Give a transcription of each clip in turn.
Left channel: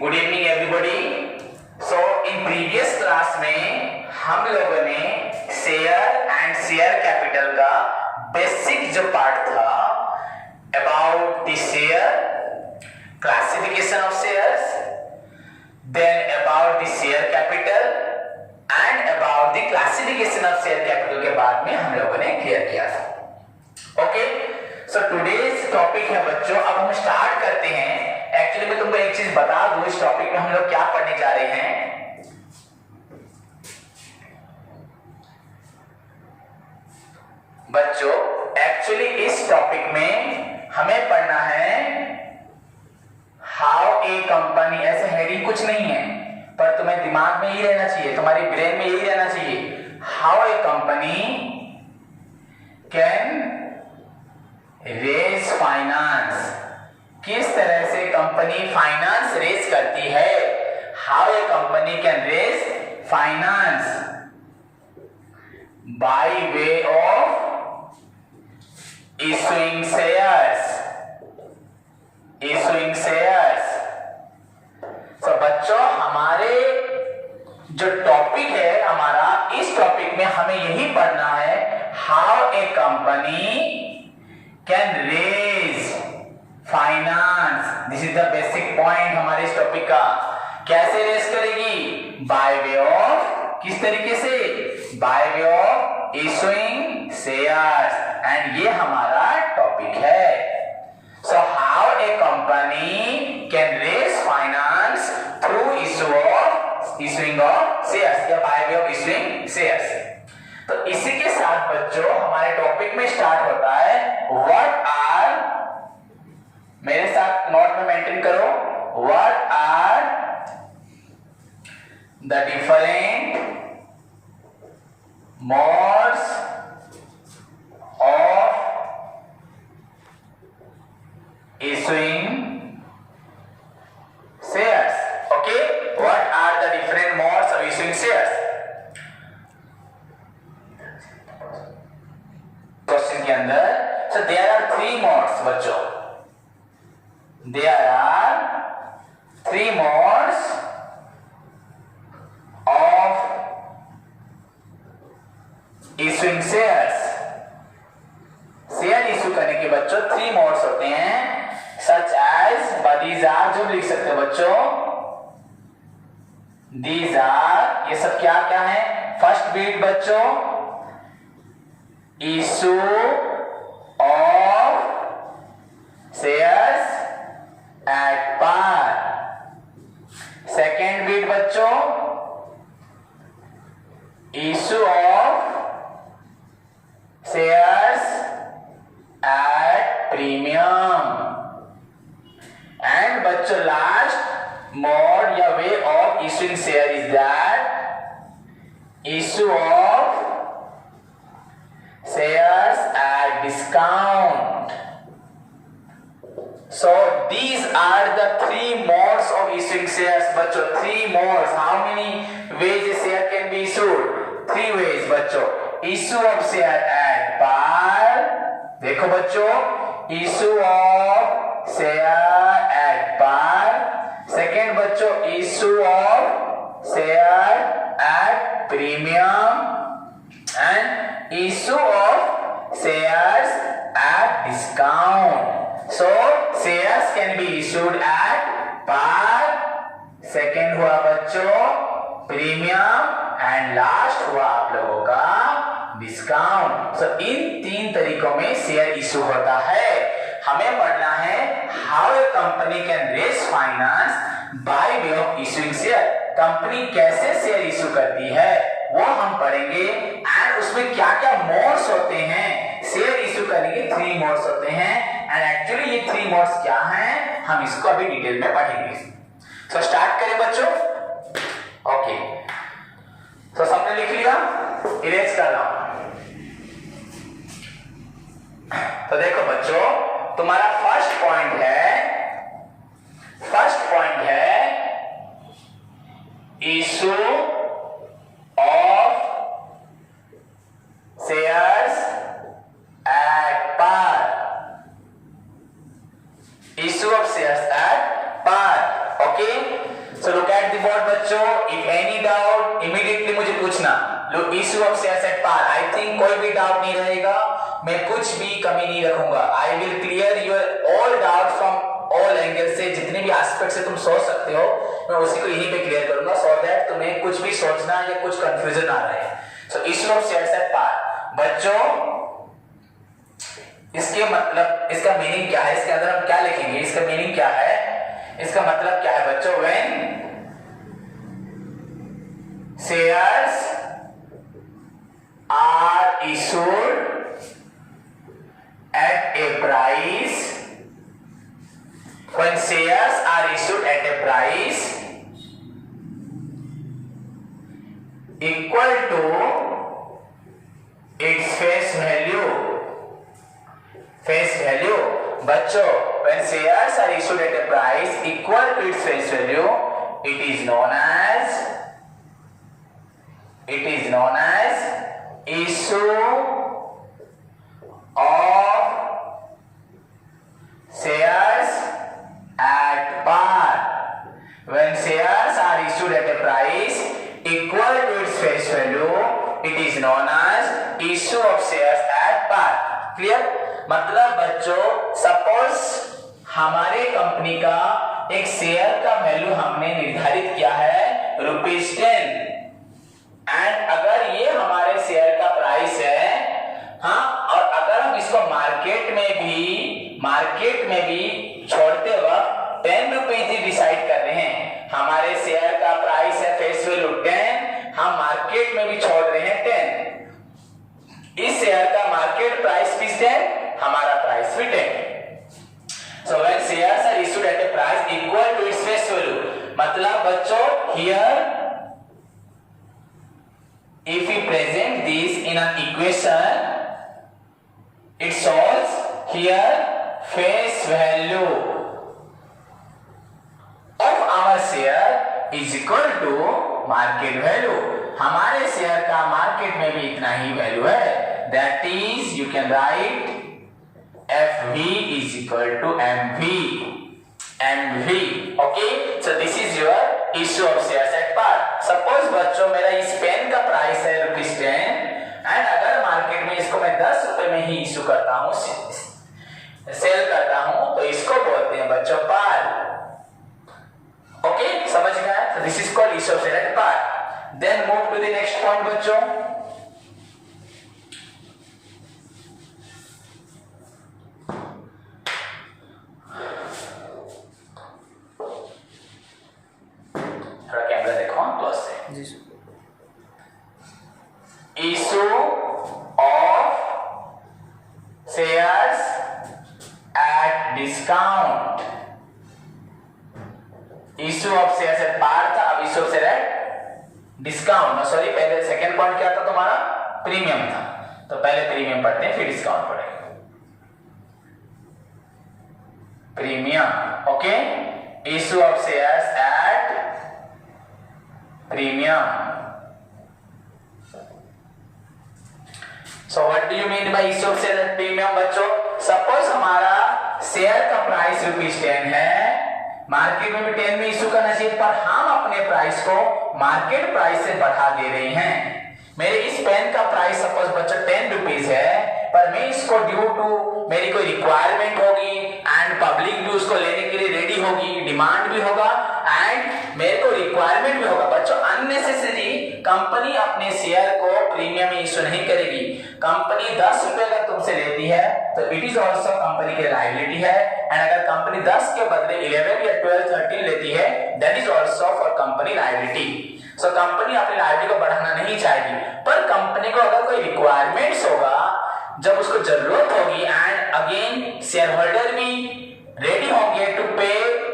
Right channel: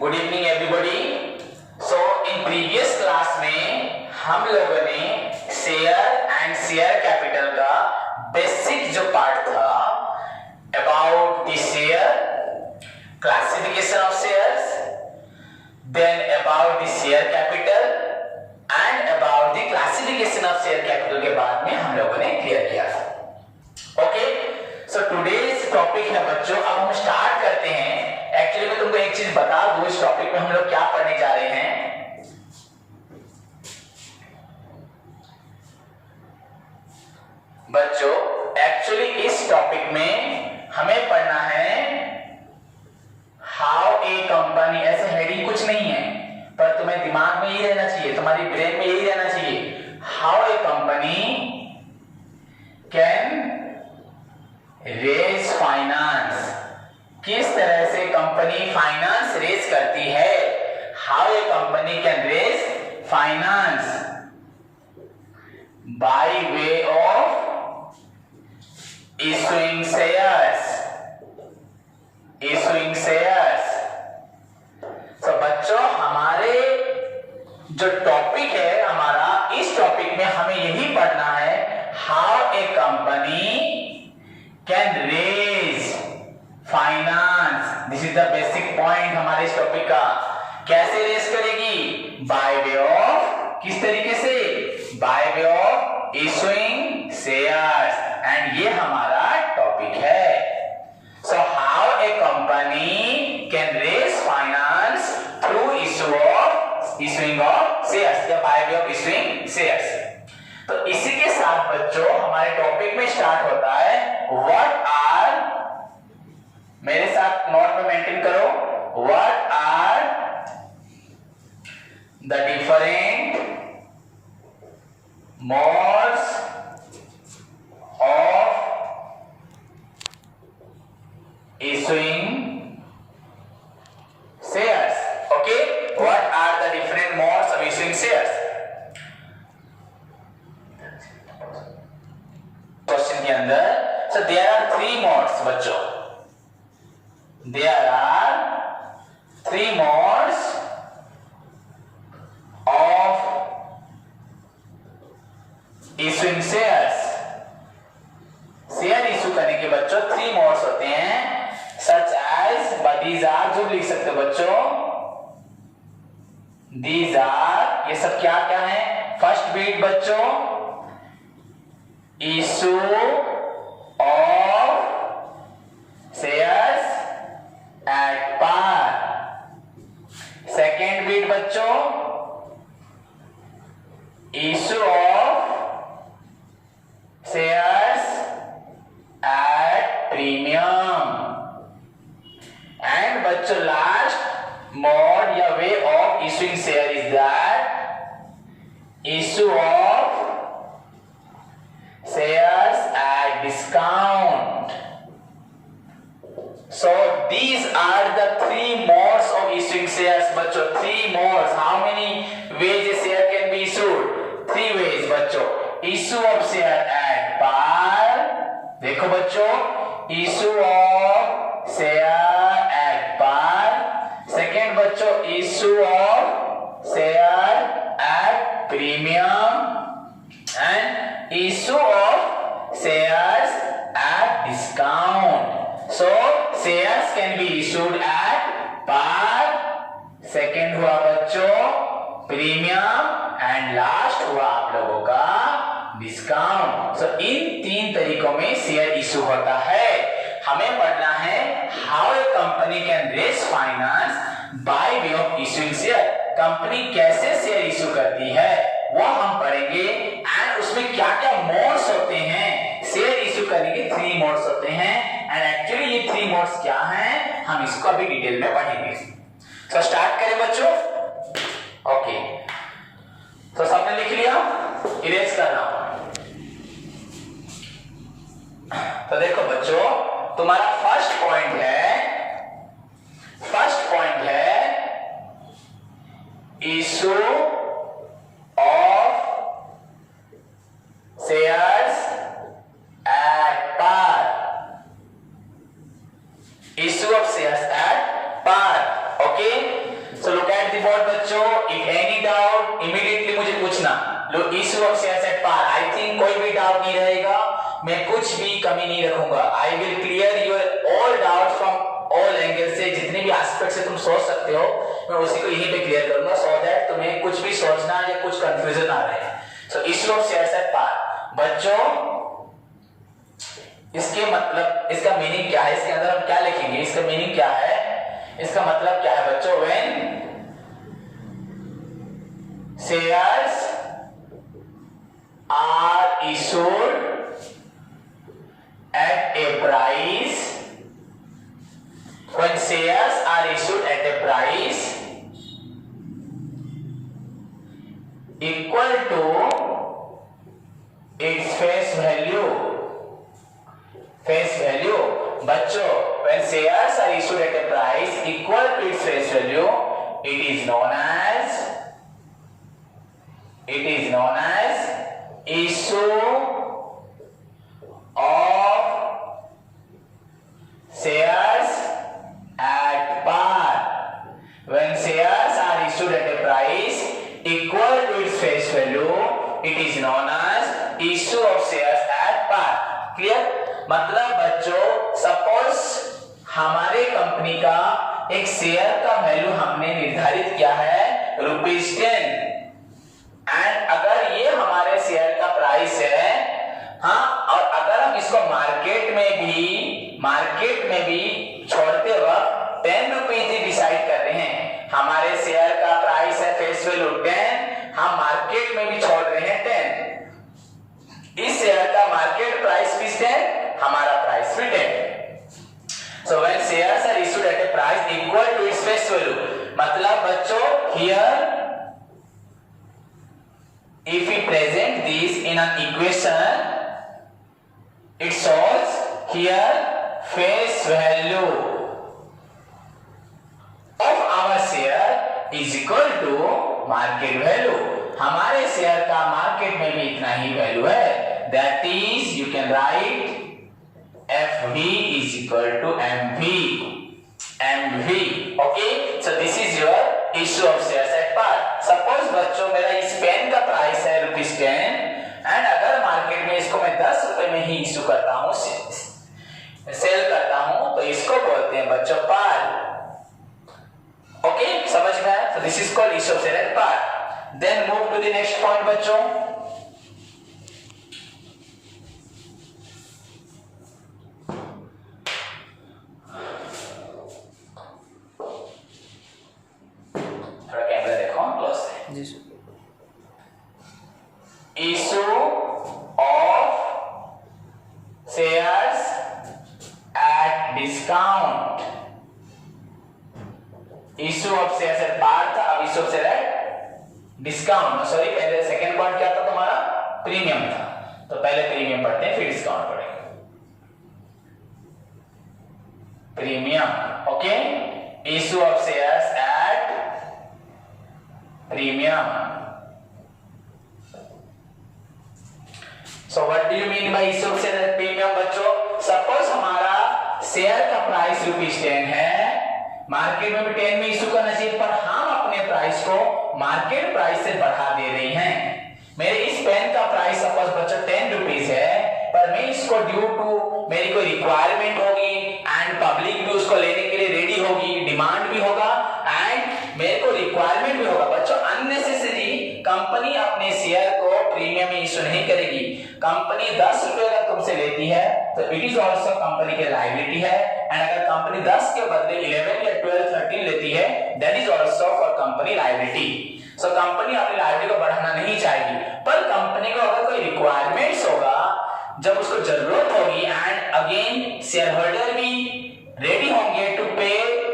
Good evening everybody. So in previous class में हम लोगों ने शेयर एंड शेयर कैपिटल का बेसिक जो पार्ट था about the share, classification of shares, then about the share capital and about the classification of share capital के बाद में हम लोगों ने क्लियर किया था। ओके, सो टुडेज टॉपिक है बच्चों, अब हम स्टार्ट करते हैं। एक्चुअली मैं तुमको एक चीज बता दूं, इस टॉपिक में हम लोग क्या पढ़ने जा रहे हैं। बच्चों एक्चुअली इस टॉपिक में हमें पढ़ना है हाउ ए कंपनी, ऐसे हेडिंग कुछ नहीं है पर तुम्हें दिमाग में ही रहना चाहिए, तुम्हारी ब्रेन में यही रहना चाहिए। How a company can raise finance, किस तरह से कंपनी फाइनेंस रेज करती है। How a company can raise finance by way of issuing shares, issuing shares. तो बच्चों हमारे जो टॉपिक है हमारा, इस टॉपिक में हमें यही पढ़ना है how a company can raise finance. This is the basic point हमारे इस टॉपिक का। कैसे रेज करेगी? बाय वे ऑफ, किस तरीके से? By way of issuing shares, and ये हमारा टॉपिक है। So how a company can raise finance through issuing of shares या by way of issuing shares. तो इसी के साथ बच्चों हमारे टॉपिक में स्टार्ट होता है व्हाट आर, मेरे साथ नोट में मेंटेन करो, what are the different modes of issuing shares. Okay, what are the different modes of issuing shares? Question के अंदर so there are three modes बच्चों, there are three modes of issuing shares। Share issue करने के बच्चों three modes होते हैं, such as these are, जो लिख सकते हो बच्चों, these are, ये सब क्या क्या है। फर्स्ट बीट बच्चों issue of shares at par. Second बीट बच्चों issue of shares at premium. And बच्चों लास्ट मोड या way of issuing share is that issue of shares at discount. So these are the three modes of issuing shares बच्चों, three modes। How many ways a share can be issued? Three ways बच्चों। issue of share at par, देखो बच्चों, issue of share at par। Second बच्चों issue of share at premium and issue of shares at discount। So shares can be issued at par, second हुआ बच्चों premium, and last हुआ आप लोगों का discount. सो इन तीन तरीकों में शेयर इशू होता है। हमें पढ़ना है how a company can raise finance by way of issuing share. Company कैसे शेयर इशू करती है वो हम पढ़ेंगे, एंड उसमें क्या क्या मोड्स होते हैं। शेयर इशू करने के थ्री मोड्स होते हैं, एंड एक्चुअली ये थ्री मोड्स क्या हैं हम इसको अभी डिटेल में पढ़ेंगे। सो स्टार्ट करें बच्चों। ओके, तो सबने लिख लिया, इरेज कर रहा हूं। तो देखो बच्चों तुम्हारा फर्स्ट पॉइंट है issue of shares at par, issue of shares at par. Okay, So look at the board बच्चों, if any doubt immediately मुझे पूछना। Look, issue of shares at par, I think कोई भी डाउट नहीं रहेगा, मैं कुछ भी कमी नहीं रखूंगा। I will clear your all doubt from all angles से, जितने भी एस्पेक्ट से तुम सोच सकते हो मैं उसी को यहीं पे क्लियर करूंगा, so that तुम्हें कुछ भी सोचना या कुछ कंफ्यूजन ना रहे। So issue of shares at par बच्चों, इसके मतलब, इसका मीनिंग क्या है, इसके अंदर हम क्या लिखेंगे, इसका मीनिंग क्या है, इसका मतलब क्या है बच्चों? when shares are issued at a price, when shares are issued at a price equal to its face value, face value बच्चों, when shares are issued at a price equal to its face value, it is known as issue of shares at par. When shares are issued at a price equal to its face value, it is known as issue of shares at par. Clear? मतलब बच्चों, suppose हमारे company का एक share का value हमने निर्धारित किया है ₹10, एंड अगर ये हमारे शेयर का प्राइस है, हाँ, और अगर हम इसको मार्केट में भी छोड़ते वक्त 10 रुपीज ही डिसाइड कर रहे हैं, हमारे शेयर का प्राइस है फेस वैल्यू 10, हम मार्केट में भी छोड़ रहे हैं 10, इस शेयर का मार्केट प्राइस भी 10, हमारा प्राइस भी 10। So when shares are issued at a price equal to its face value, मतलब बच्चों, here if we present this in an equation, it shows here face value of our share is equal to market value. हमारे share का market में भी इतना ही value है, that is you can write FV is equal to MV. Okay, so this is your issue of shares at par. Suppose बच्चों मेरा इस pen का प्राइस है ₹10, एंड अगर मार्केट में इसको मैं 10 रुपए में ही इशू करता हूँ, सेल करता हूँ, तो इसको बोलते हैं बच्चों पार। ओके, समझ में आया? So this is called issue of shares at par. Then move to the next point बच्चों। थोड़ा कैमरा देखो क्लोज से। जी sir. Issue of shares at discount. Issue of shares at par था, अब issue of shares at discount, sorry पहले second point क्या था तुम्हारा? प्रीमियम था, तो पहले प्रीमियम पढ़ते हैं फिर डिस्काउंट पढ़ेंगे। Premium, okay, issue of shares at premium. So what do you mean by issue of shares at premium बच्चों? सपोज हमारा शेयर का प्राइस ₹10 है, मार्केट में भी 10 में इशू करना चाहिए, पर हम अपने प्राइस को मार्केट प्राइस से बढ़ा दे रहे हैं। मेरे इस पेन का प्राइस सपोज बच्चों 10 रुपीज है, पर मैं इसको ड्यू टू मेरी कोई रिक्वायरमेंट होगी एंड पब्लिक भी उसको लेने के लिए रेडी होगी, डिमांड भी होगा एंड मेरे को रिक्वायरमेंट भी होगा बच्चों, अननेसेसरी कंपनी अपने शेयर को प्रीमियम में इशू नहीं करेगी। कंपनी 10 रुपए अगर तुमसे लेती है तो इट इज ऑल्सो कंपनी की लायबिलिटी है, एंड अगर कंपनी 10 के बदले 11 या 12, 13 लेती है, that is also for company liability. So company अपनी लायबिलिटी को बढ़ाना नहीं चाहेगी, पर कंपनी को अगर कोई रिक्वायरमेंट्स होगा, जब उसको जरूरत होगी एंड अगेन शेयर होल्डर भी रेडी होंगे टू पे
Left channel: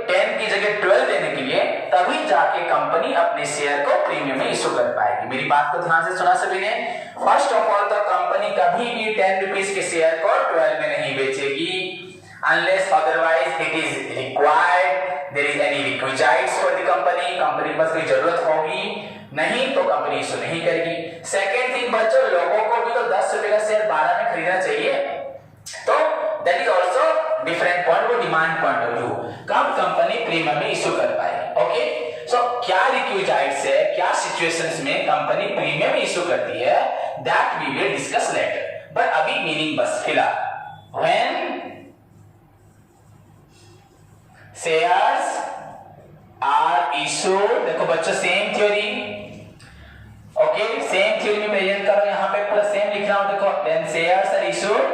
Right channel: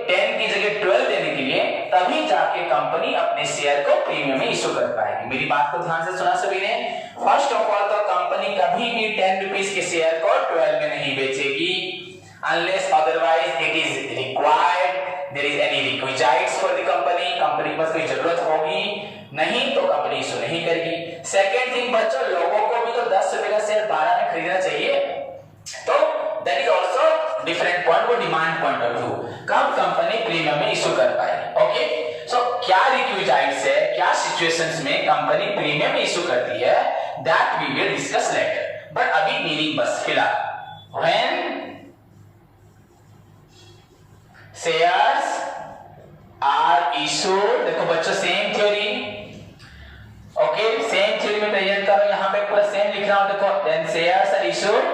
10 की जगह 12 देने के लिए, तभी जाके कंपनी अपने शेयर को प्रीमियम में इशू कर पाएगी। मेरी बात को ध्यान से सुना सभी ने। फर्स्ट ऑफ ऑल तो कंपनी कभी भी 10 रुपीज के शेयर को 12 में नहीं बेचेगी, unless otherwise it is required, there is any requisites for the company, company के पास कोई जरूरत होगी, नहीं तो कंपनी इशू नहीं करेगी। सेकेंड थिंग बच्चों, लोगों को भी तो 10 रुपए का शेयर 12 में खरीदना चाहिए, तो that is also different point, वो डिमांड पॉइंट ऑफ व्यू, कब कंपनी प्रीमियम में इशू कर पाएगी। ओके, सो सिचुएशंस में कंपनी प्रीमियम इशू करती है, that we will discuss later, but अभी मीनिंग बस फिलहाल व्हेन शेयर्स आर इशूड, देखो बच्चों same theory, okay same theory में प्रेजेंट करो, यहां पे पूरा सेम लिख रहा हूं, देखो when shares are issued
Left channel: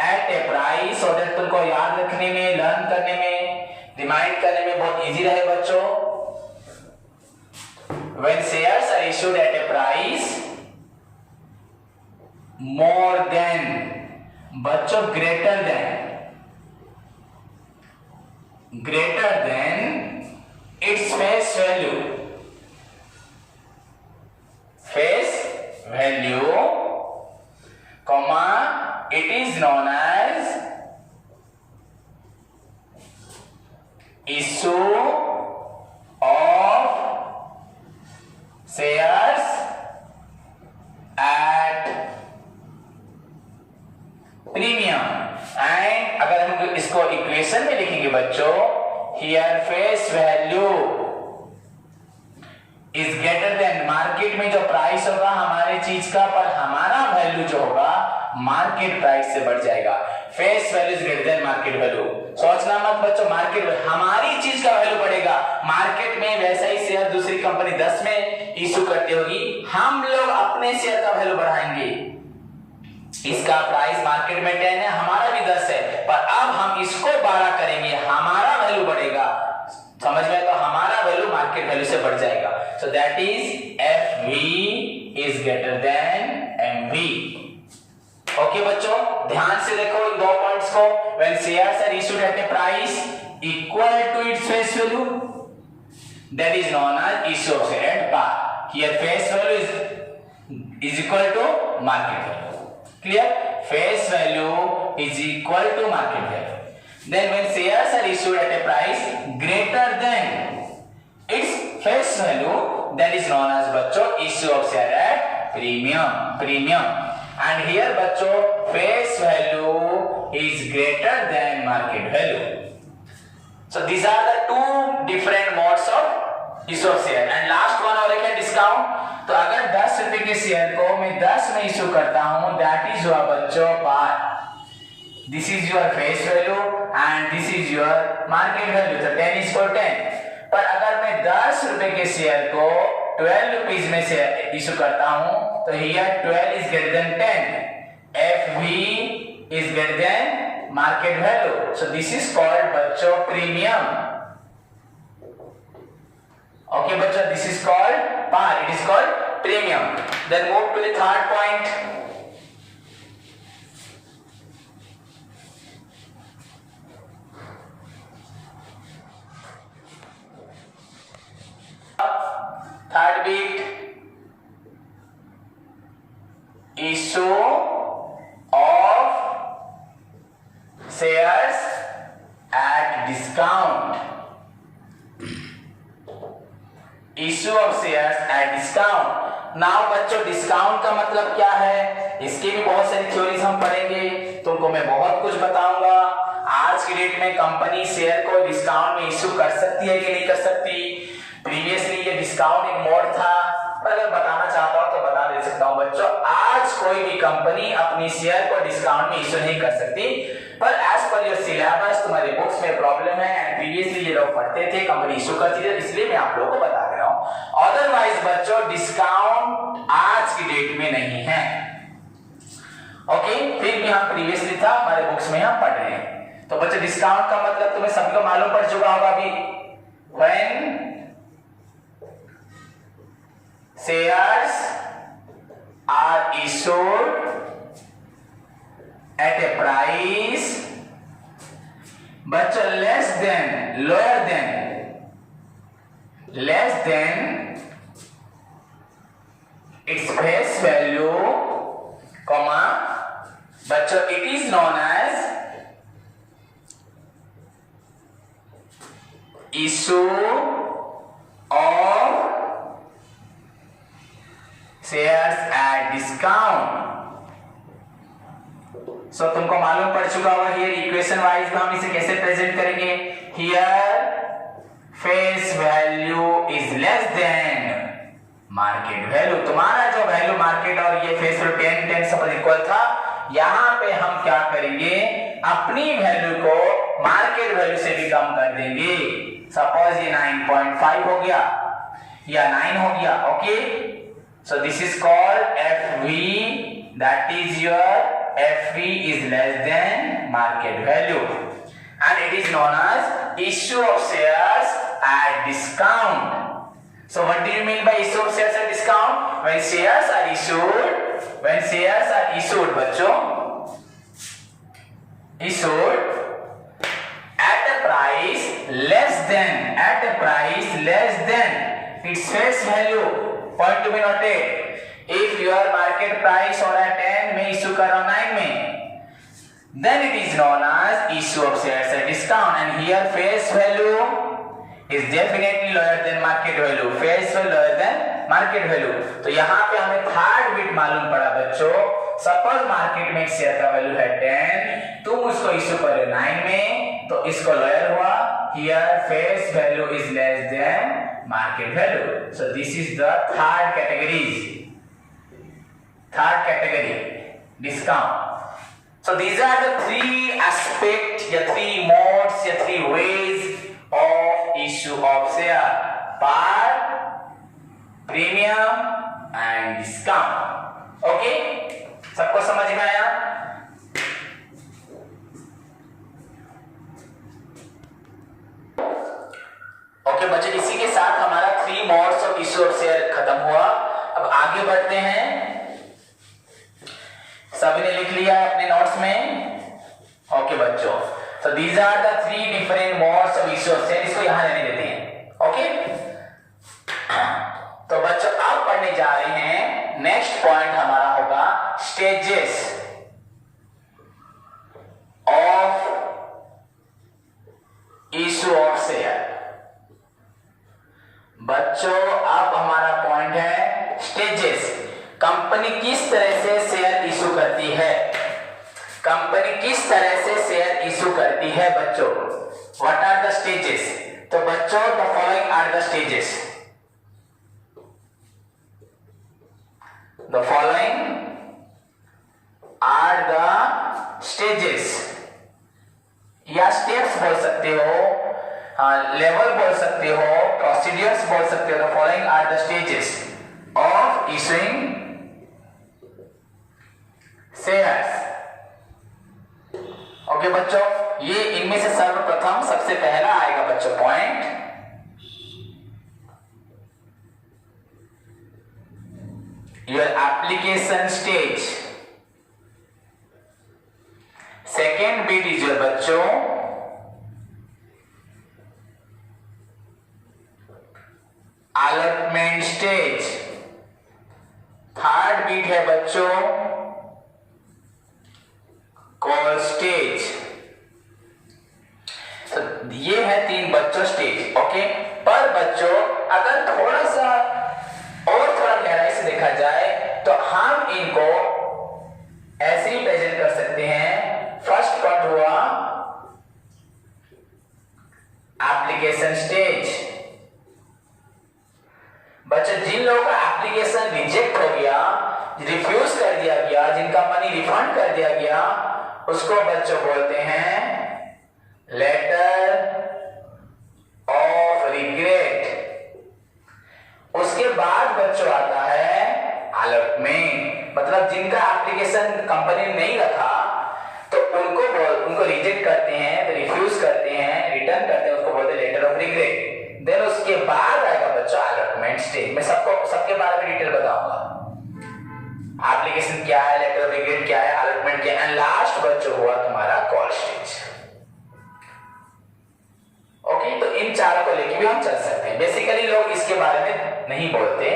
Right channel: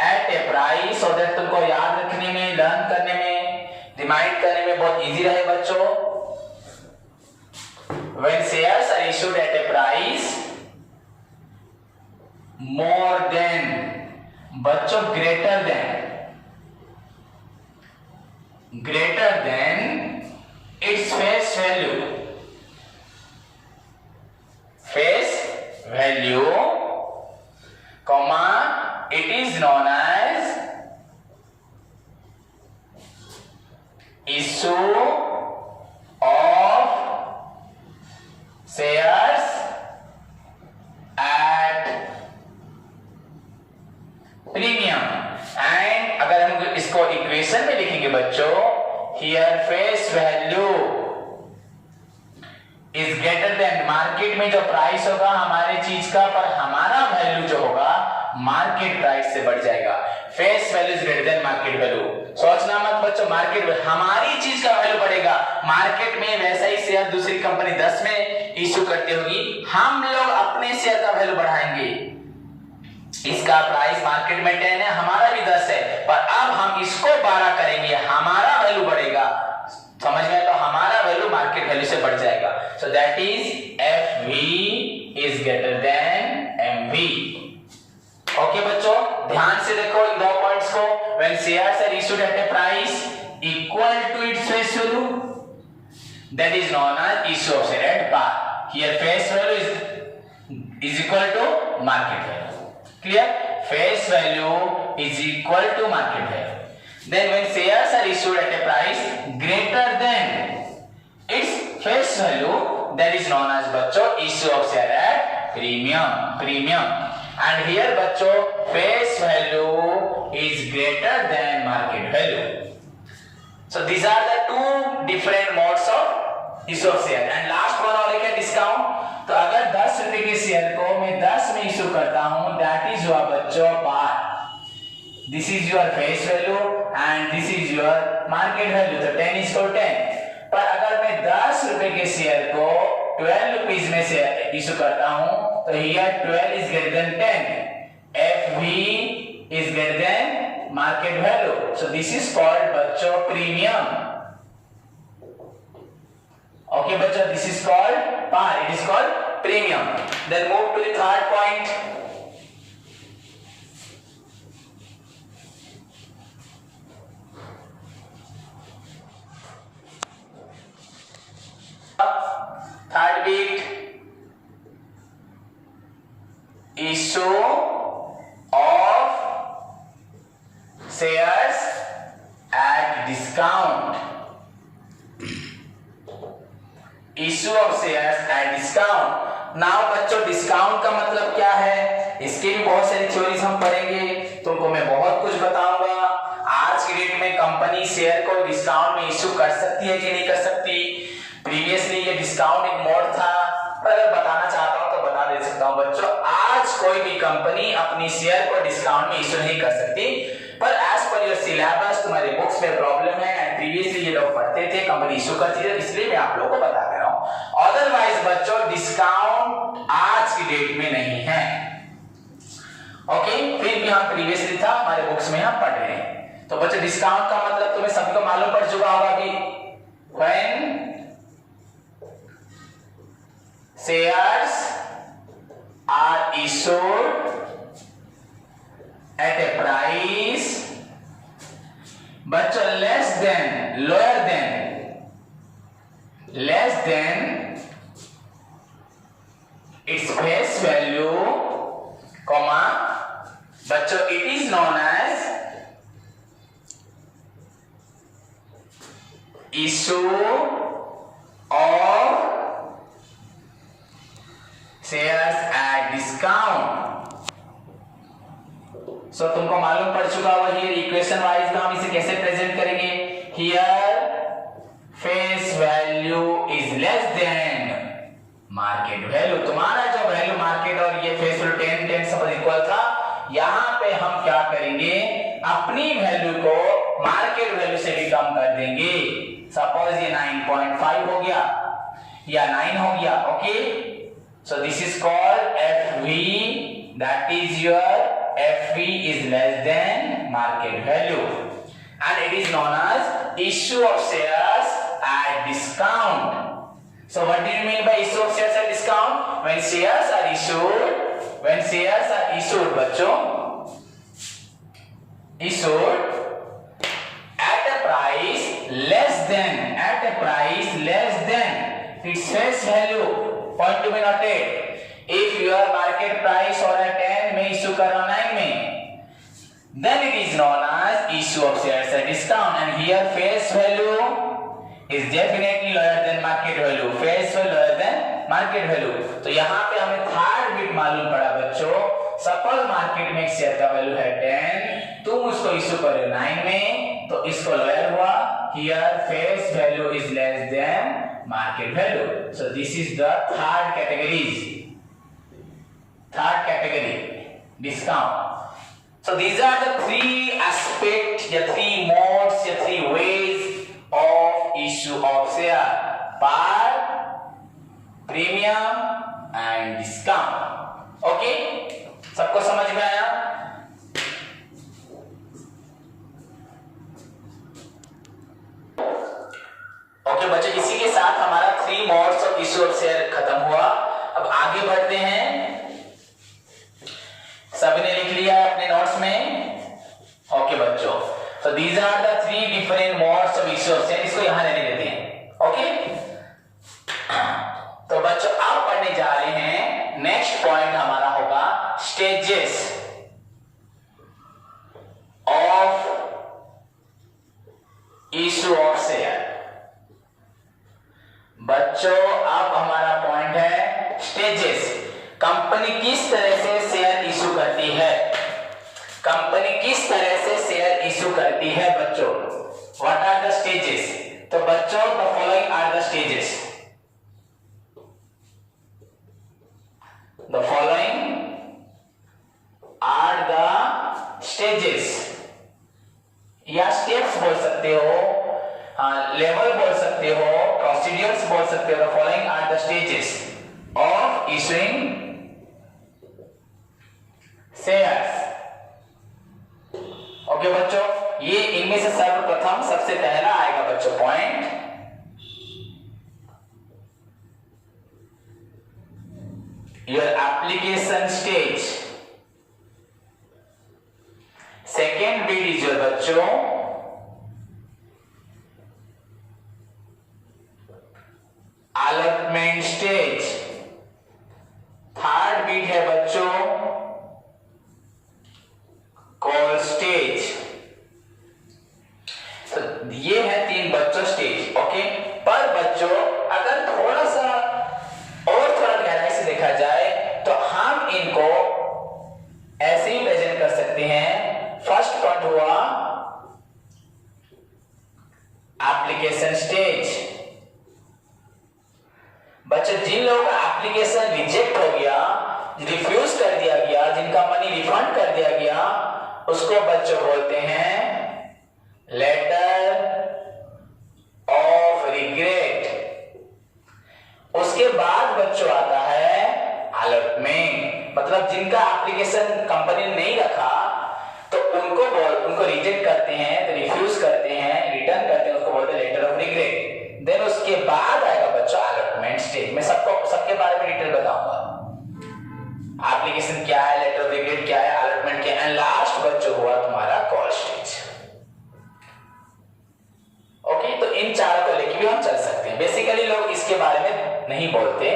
at a price, so that तुमको याद रखने में, लर्न करने में, रिमाइंड करने में बहुत इजी रहे बच्चों। When shares are issued at a price more than, बच्चों greater than its face value, comma, it is known as issue of shares at premium। And अगर हम इसको इक्वेशन में लिखेंगे बच्चों, here face value is greater then, market में जो price होगा हमारे चीज का, पर हमारा वैल्यू जो होगा मार्केट प्राइस से बढ़ जाएगा। Face value is greater then market value, सोचना मत बच्चों, मार्केट हमारी चीज का वैल्यू बढ़ेगा, मार्केट में वैसा ही शेयर दूसरी कंपनी 10 में इशू करती होगी, हम लोग अपने शेयर का वैल्यू बढ़ाएंगे, इसका प्राइस मार्केट में 10 है, हमारा भी 10 है, पर अब हम इसको 12 करेंगे, हमारा वैल्यू बढ़ेगा, समझ में, तो हमारा वैल्यू मार्केट वैल्यू से बढ़ जाएगा। So that is F V is greater than M V. Okay बच्चों, ध्यान से देखो इन दो पॉइंट्स को, when shares are issued at a price equal to its face value, that is known as issue of share at par. Here face value is equal to market value, clear, face value is equal to market value. Then when shares are issued at a price greater than its face value, that is known as बच्चों issue of share at premium। And here बच्चों face value is greater than market value। So these are the two different modes of issue of share। And last one और क्या discount, तो अगर 10 रुपए के share को मैं 10 में इशू करता हूं, that is हुआ बच्चों पार, this is your face value and this is your market value, तो 10 is for 10। पर अगर मैं 10 रुपए के शेयर को 12 रुपीज में से इशू करता हूं, तो here 12 is greater than 10, FV is greater than market value, so this is called बच्चों premium। okay बच्चों, this is called par, it is called premium। then move to the third point। third bit, issue of shares at discount, issue of shares at discount। Now बच्चों discount का मतलब क्या है, इसकी भी बहुत सारी थ्योरीज हम पढ़ेंगे, तुमको मैं बहुत कुछ बताऊंगा। आज की डेट में कंपनी शेयर को डिस्काउंट में इशू कर सकती है कि नहीं कर सकती, प्रीवियसली ये डिस्काउंट एक मोड था, पर अगर बताना चाहता हूं तो बता दे सकता हूं बच्चों, आज कोई भी कंपनी अपनी शेयर को डिस्काउंट में इशू नहीं कर सकती, पर एज पर योर सिलेबस तुम्हारे बुक्स में प्रॉब्लम है, एंड प्रीवियसली ये लोग पढ़ते थे कंपनी इशू करती थी, इसलिए मैं आप लोगों को बता दे रहा हूं। अदरवाइज बच्चों डिस्काउंट आज की डेट में नहीं है। ओके, फिर भी हम प्रीवियसली था हमारे बुक्स में हम पढ़ रहे हैं, तो बच्चों डिस्काउंट का मतलब तुम्हें सबको मालूम पड़ चुका होगा अभी, when shares are issued at a price बच्चों less than, lower than, less than its face value, comma बच्चों it is known as issue of shares at discount. So तुमको मालूम पड़ चुका होगा, हियर इक्वेशन वाइज में हम इसे कैसे प्रेजेंट करेंगे, here face value is less than market value. तुम्हारा जो वैल्यू मार्केट और ये फेस वैल्यू 10 सब इक्वल था, यहाँ पे हम क्या करेंगे, अपनी वैल्यू को मार्केट वैल्यू से भी कम कर देंगे। सपोज ये 9.5 हो गया या 9 हो गया, okay. So this is called FV, that is your FV is less than market value and it is known as issue of shares at discount. So what do you mean by issue of shares at discount? When shares are issued बच्चों, issued at a price less than its face value. Point to be noted. If your market price or at 10 में issue करो 9 में, then it is known as issue of shares at discount and here face value is definitely lower than market value. Face value lower than market value. तो यहाँ पे हमें third bit मालूम पड़ा बच्चों। सपोज मार्केट में एक शेयर का वैल्यू है 10, तुम उसको इश्यू करे 9 में, तो इसको लोअर हुआ। Here face value is less than market value. So this is the third category, discount. So these are the three aspects, the three modes, the three ways of issue of share: par, premium and discount. Okay, सबको समझ में आया? Okay बच्चों, इसी के साथ हमारा 3 modes of issue of share खत्म हुआ। अब आगे बढ़ते हैं। सभी ने लिख लिया अपने नोट्स में? ओके बच्चों, so these are the 3 different modes of issue of share. इसको यहां रहने देते हैं, ओके। तो बच्चों अब पढ़ने जा रहे हैं, नेक्स्ट पॉइंट हमारा होगा stages of issue of share. बच्चों अब हमारा पॉइंट है स्टेजेस। कंपनी किस तरह से शेयर इशू करती है, कंपनी किस तरह से शेयर इशू करती है बच्चों। What are the stages? तो बच्चों the following are the stages. The following are the stages या स्टेप्स बोल सकते हो, लेवल बोल सकते हो, प्रोसीडियर्स बोल सकते हो। The following are the stages of issuing shares. Okay बच्चों, ये इनमें से सर्वप्रथम सबसे पहला आएगा बच्चों point, your application stage. Second bit is your बच्चों अलॉटमेंट स्टेज। थर्ड बिट है बच्चों कॉल स्टेज। तो ये है 3 बच्चों स्टेज, ओके। पर बच्चों अगर थोड़ा सा और थोड़ा गहराई से देखा जाए तो हम इनको ऐसे ही प्रेजेंट कर सकते हैं। फर्स्ट पॉइंट हुआ एप्लीकेशन स्टेज। बच्चों जिन लोगों का एप्लीकेशन रिजेक्ट हो गया, रिफ्यूज कर दिया गया, जिनका मनी रिफंड कर दिया गया, उसको बच्चों बोलते हैं लेटर ऑफ रिग्रेट। उसके बाद बच्चों आता है अलॉटमेंट, मतलब जिनका एप्लीकेशन कंपनी ने नहीं रखा तो उनको रिजेक्ट करते हैं, तो रिफ्यूज करते हैं, रिटर्न करते हैं, उसको बोलते हैं लेटर ऑफ रिग्रेट। देन उसके बाद आएगा बच्चों अलॉटमेंट स्टेज। मैं सबके बारे में डिटेल बताऊंगा, एप्लीकेशन क्या है, लेटर ऑफ रिग्रेट क्या है, अलॉटमेंट क्या है, एंड लास्ट बच्चों हुआ तुम्हारा कॉल स्टेज। ओके, तो इन चारों को लेके भी हम चल सकते हैं। बेसिकली लोग इसके बारे में नहीं बोलते,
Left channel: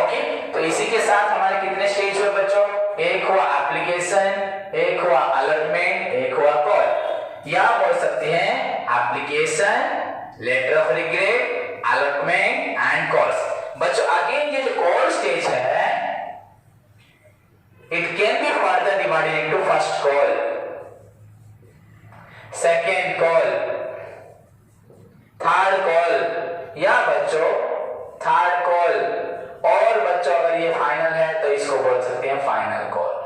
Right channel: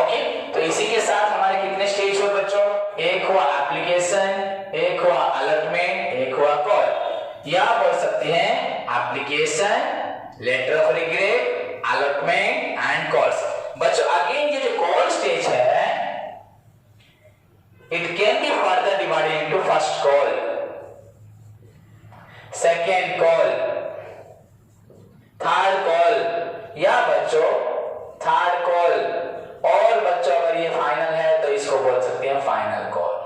ओके। तो इसी के साथ हमारे कितने स्टेज हुए बच्चों? एक हुआ एप्लीकेशन, एक हुआ अलॉटमेंट, एक हुआ कॉल। या बोल सकते हैं application, letter of regret, allotment and calls. बच्चों अगेन ये जो कॉल स्टेज है, it can be further divided into first call, second call, third call, या बच्चों थर्ड कॉल, और बच्चों अगर ये फाइनल है तो इसको बोल सकते हैं फाइनल कॉल।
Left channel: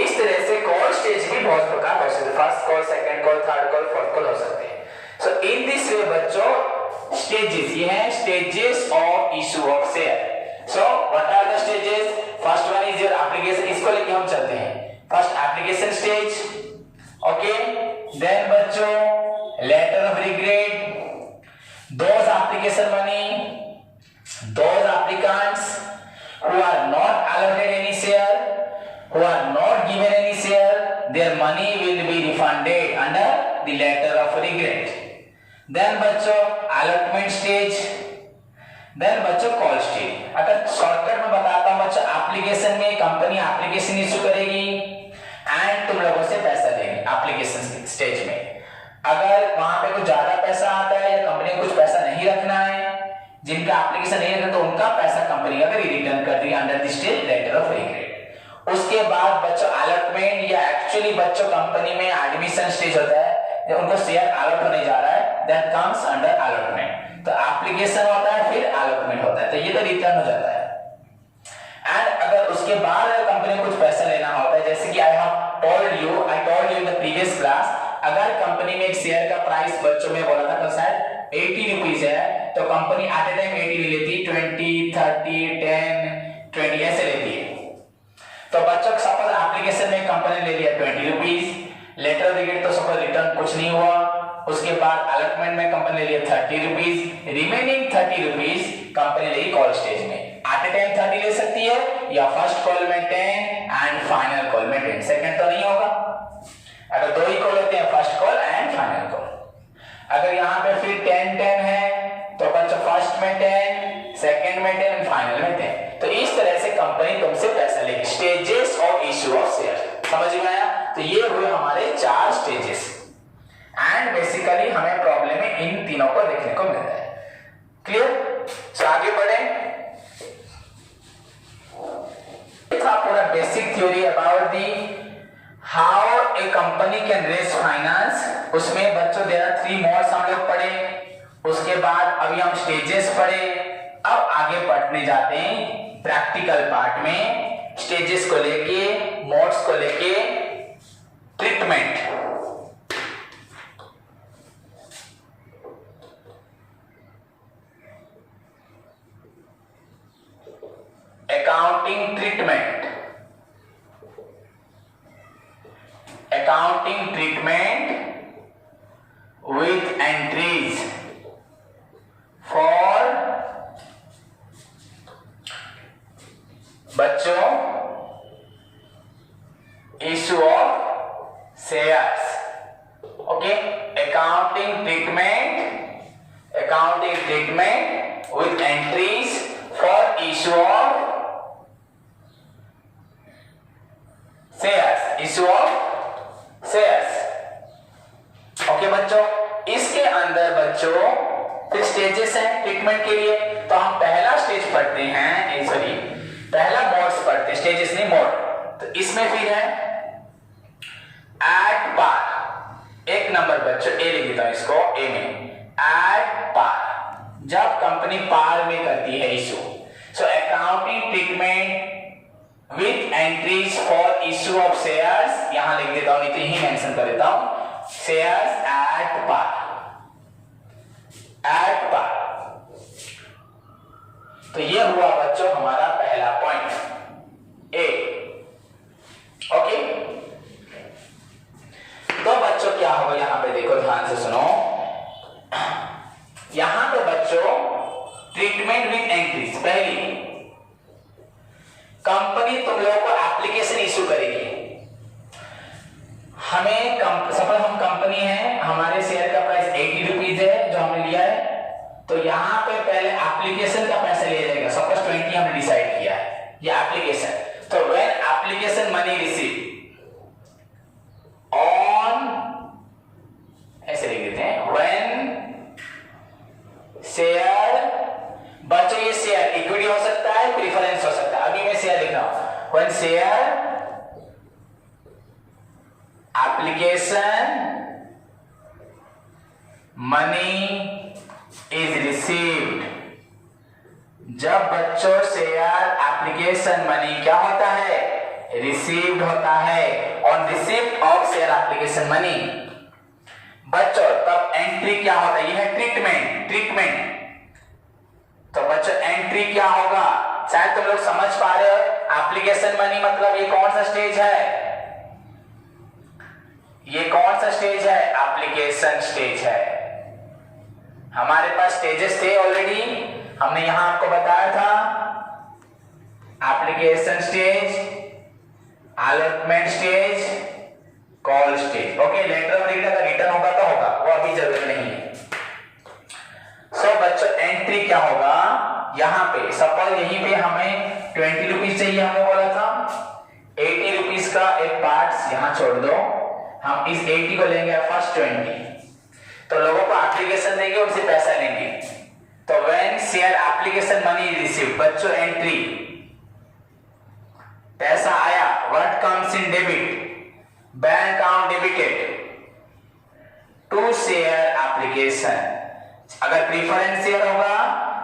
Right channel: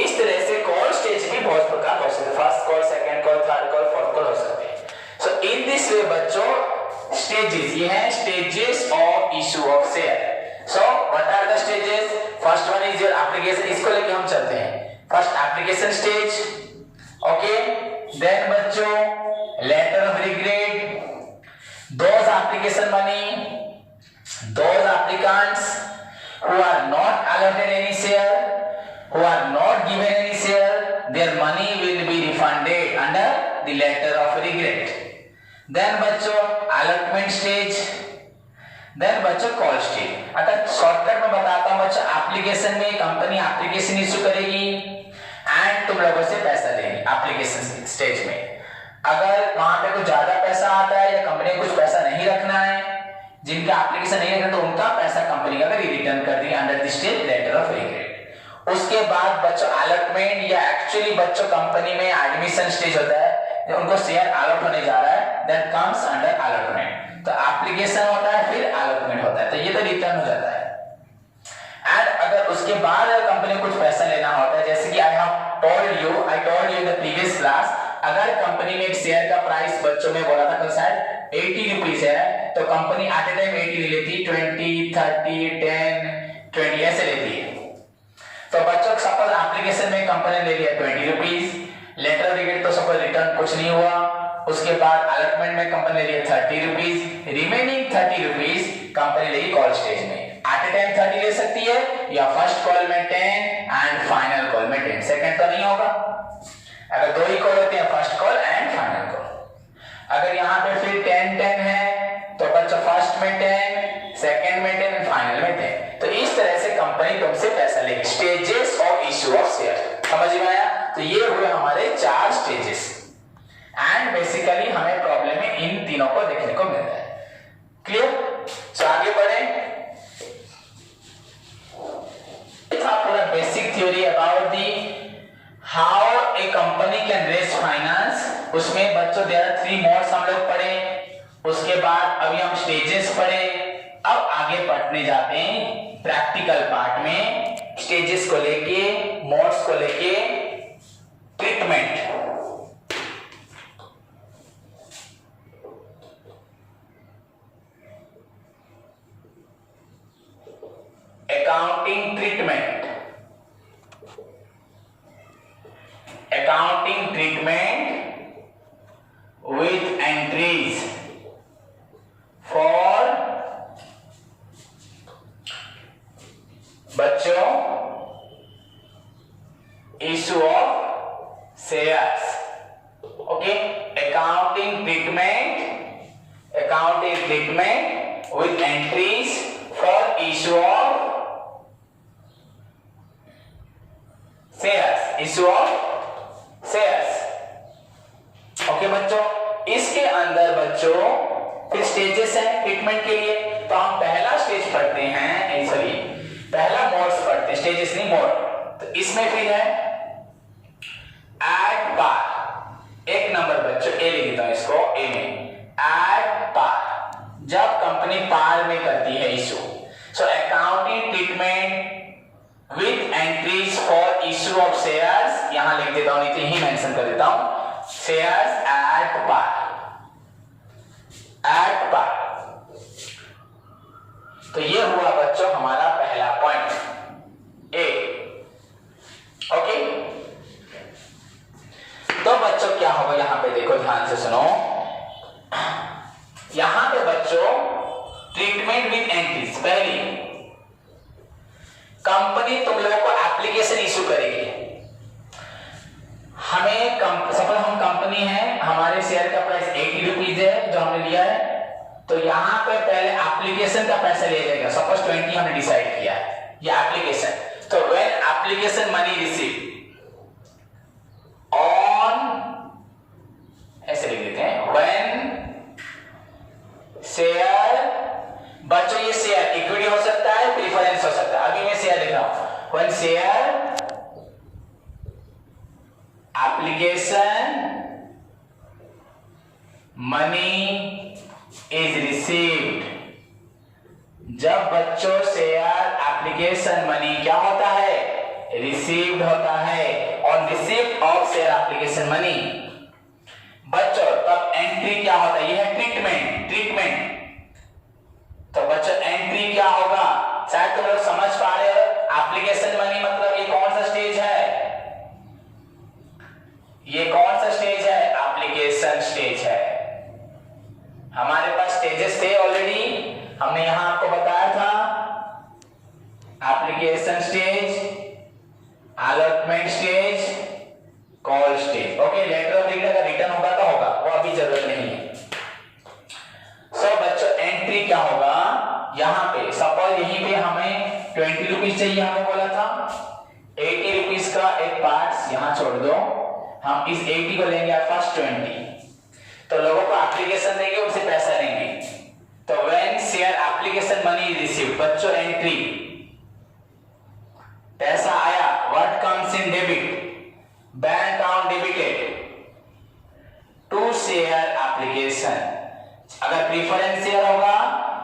इस तरह से कॉल स्टेज भी बहुत प्रकार हो सकते हैं, first call, second call, third call, fourth call हो सकते हैं। सो इन दिस वे बच्चों स्टेजेस, ये है stages of issue of share. So what are the stages? First one is your application, इसको लेके हम चलते हैं। First application stage, okay. Then बच्चों letter of regret, those application money, those applicants who are not allotted any share, who are not given any share, their money will be refunded under the letter of regret. Then बच्चों allotment stage, then बच्चों call stage। अगर shortcut में बताता हूं बच्चों, application में company application issue करेगी and तुम लोगों से पैसा लेगी एप्लीकेशन स्टेज में। अगर वहां पे कुछ ज्यादा पैसा आता है या कंपनी को कुछ पैसा नहीं रखना है, जिनका एप्लीकेशन नहीं है तो उनका पैसा कंपनी अगर रिटर्न कर दी under the stage letter of regret. उसके बाद बच्चों अलॉटमेंट, या एक्चुअली बच्चों कंपनी में एडमिशन स्टेज होता है, उनको शेयर अलॉट होने जा रहा है, दैट कम्स अंडर अलॉटमेंट। तो एप्लीकेशन होता है फिर अलॉटमेंट होता है, तो ये तो रिटर्न हो जाता है। एंड अगर उसके बाद कंपनी को कुछ पैसा लेना होता है, जैसे कि I told you in the previous class, अगर कंपनी ने एक शेयर का प्राइस बच्चों में बोला था कल शायद 80 रुपीज है, तो कंपनी एट ए टाइम 80 लेती, 20, 30, 10, 20 ऐसे लेती है। तो बच्चों सपोज एप्लीकेशन में कंपनी ले लिया 20 रुपीज, लेटर ऑफ रिग्रेट तो सपोज रिटर्न कुछ नहीं हुआ, उसके बाद अलॉटमेंट में कंपनी ले लिया 30 रुपीज, रिमेनिंग 30 रुपीज कंपनी लेगी कॉल स्टेज में। एट ए टाइम 30 ले सकती है, या फर्स्ट कॉल में 10 एंड फाइनल कॉल में 10, सेकंड तो नहीं होगा। अगर दो ही कॉल होते हैं, first call and final call. अगर यहाँ पे फिर 10 है तो बच्चों फर्स्ट में 10, सेकंड में 10 एंड फाइनल में 10। तो इस तरह से कंपनी तुमसे पैसा लेगी। Stages of issue of share, समझ में आया? तो ये हुए हमारे 4 स्टेजेस एंड बेसिकली हमें प्रॉब्लम में इन तीनों को देखने को मिलता है। क्लियर? तो आगे बढ़े। था पूरा basic theory about the how a company can raise finance. उसमें बच्चों देयर आर 3 मोड्स हम लोग पढ़े, उसके बाद अभी हम स्टेजेस पढ़े। अब आगे पढ़ने जाते हैं प्रैक्टिकल पार्ट में, स्टेजेस को लेके, मोड्स को लेके, treatment. Accounting treatment, accounting treatment with entries for बच्चों issue of shares। Okay, accounting treatment with entries for issue of shares, issue of shares. Okay बच्चों, इसके अंदर बच्चों फिर स्टेजेस हैं ट्रीटमेंट के लिए। तो हम पहला स्टेज पढ़ते हैं, सॉरी पहला मोड्स पढ़ते हैं, स्टेजेस नहीं मोड। तो इसमें फिर है एट पार। एक नंबर बच्चों ए लिख देता हूं इसको, ए में एट पार, जब कंपनी पार में करती है issue. So accounting treatment with entries for issue of shares, यहां लिख देता हूं, नहीं तो यही मेंशन कर देता हूं, shares at par, at par। तो ये हुआ बच्चों हमारा पहला पॉइंट ए। ओके, तो बच्चों क्या होगा यहां पे देखो, ध्यान से सुनो। यहां पे बच्चों ट्रीटमेंट विद एंट्रीज, पहली कंपनी तुम लोगों को एप्लीकेशन इशू करेगी। हमें सपोज हम कंपनी है, हमारे शेयर का प्राइस 80 रुपीज है जो हमने लिया है, तो यहां पे पहले एप्लीकेशन का पैसा लिया जाएगा। सपोज 20 हमने डिसाइड किया है, ये एप्लीकेशन। तो when application money receive on, ऐसे लिख देते हैं, व्हेन शेयर, बच्चों ये शेयर इक्विटी हो सकता है, प्रेफरेंस हो सकता है। अभी मैं शेयर लिख रहा हूं, when share application money is received, जब बच्चों शेयर एप्लीकेशन मनी क्या होता है, रिसीव्ड होता है, on receipt of share application money. बच्चों तब एंट्री क्या होता है, यह है ट्रीटमेंट। तो बच्चों एंट्री क्या होगा, शायद तुम लोग समझ पा रहे हो। एप्लीकेशन मनी मतलब ये कौन सा स्टेज है, ये कौन सा स्टेज है, एप्लीकेशन स्टेज है। हमारे पास स्टेजेस थे ऑलरेडी, हमने यहां आपको बताया था, application stage, allotment stage, call stage. Okay, letter of credit अगर रिटर्न होगा तो होगा, वो अभी जरूरत नहीं है। सो बच्चों एंट्री क्या होगा, यहां पे सपोज यहीं पे हमें 20 रुपीज चाहिए, हमने बोला था 80 रुपीज का एक पार्ट यहां छोड़ दो, हम इस 80 को लेंगे फर्स्ट 20, तो लोगों को एप्लीकेशन देंगे, उनसे पैसा लेंगे। तो when share application money is received, बच्चों एंट्री, पैसा आया, what comes in debit, bank account debited to share application. अगर प्रीफरेंस शेयर होगा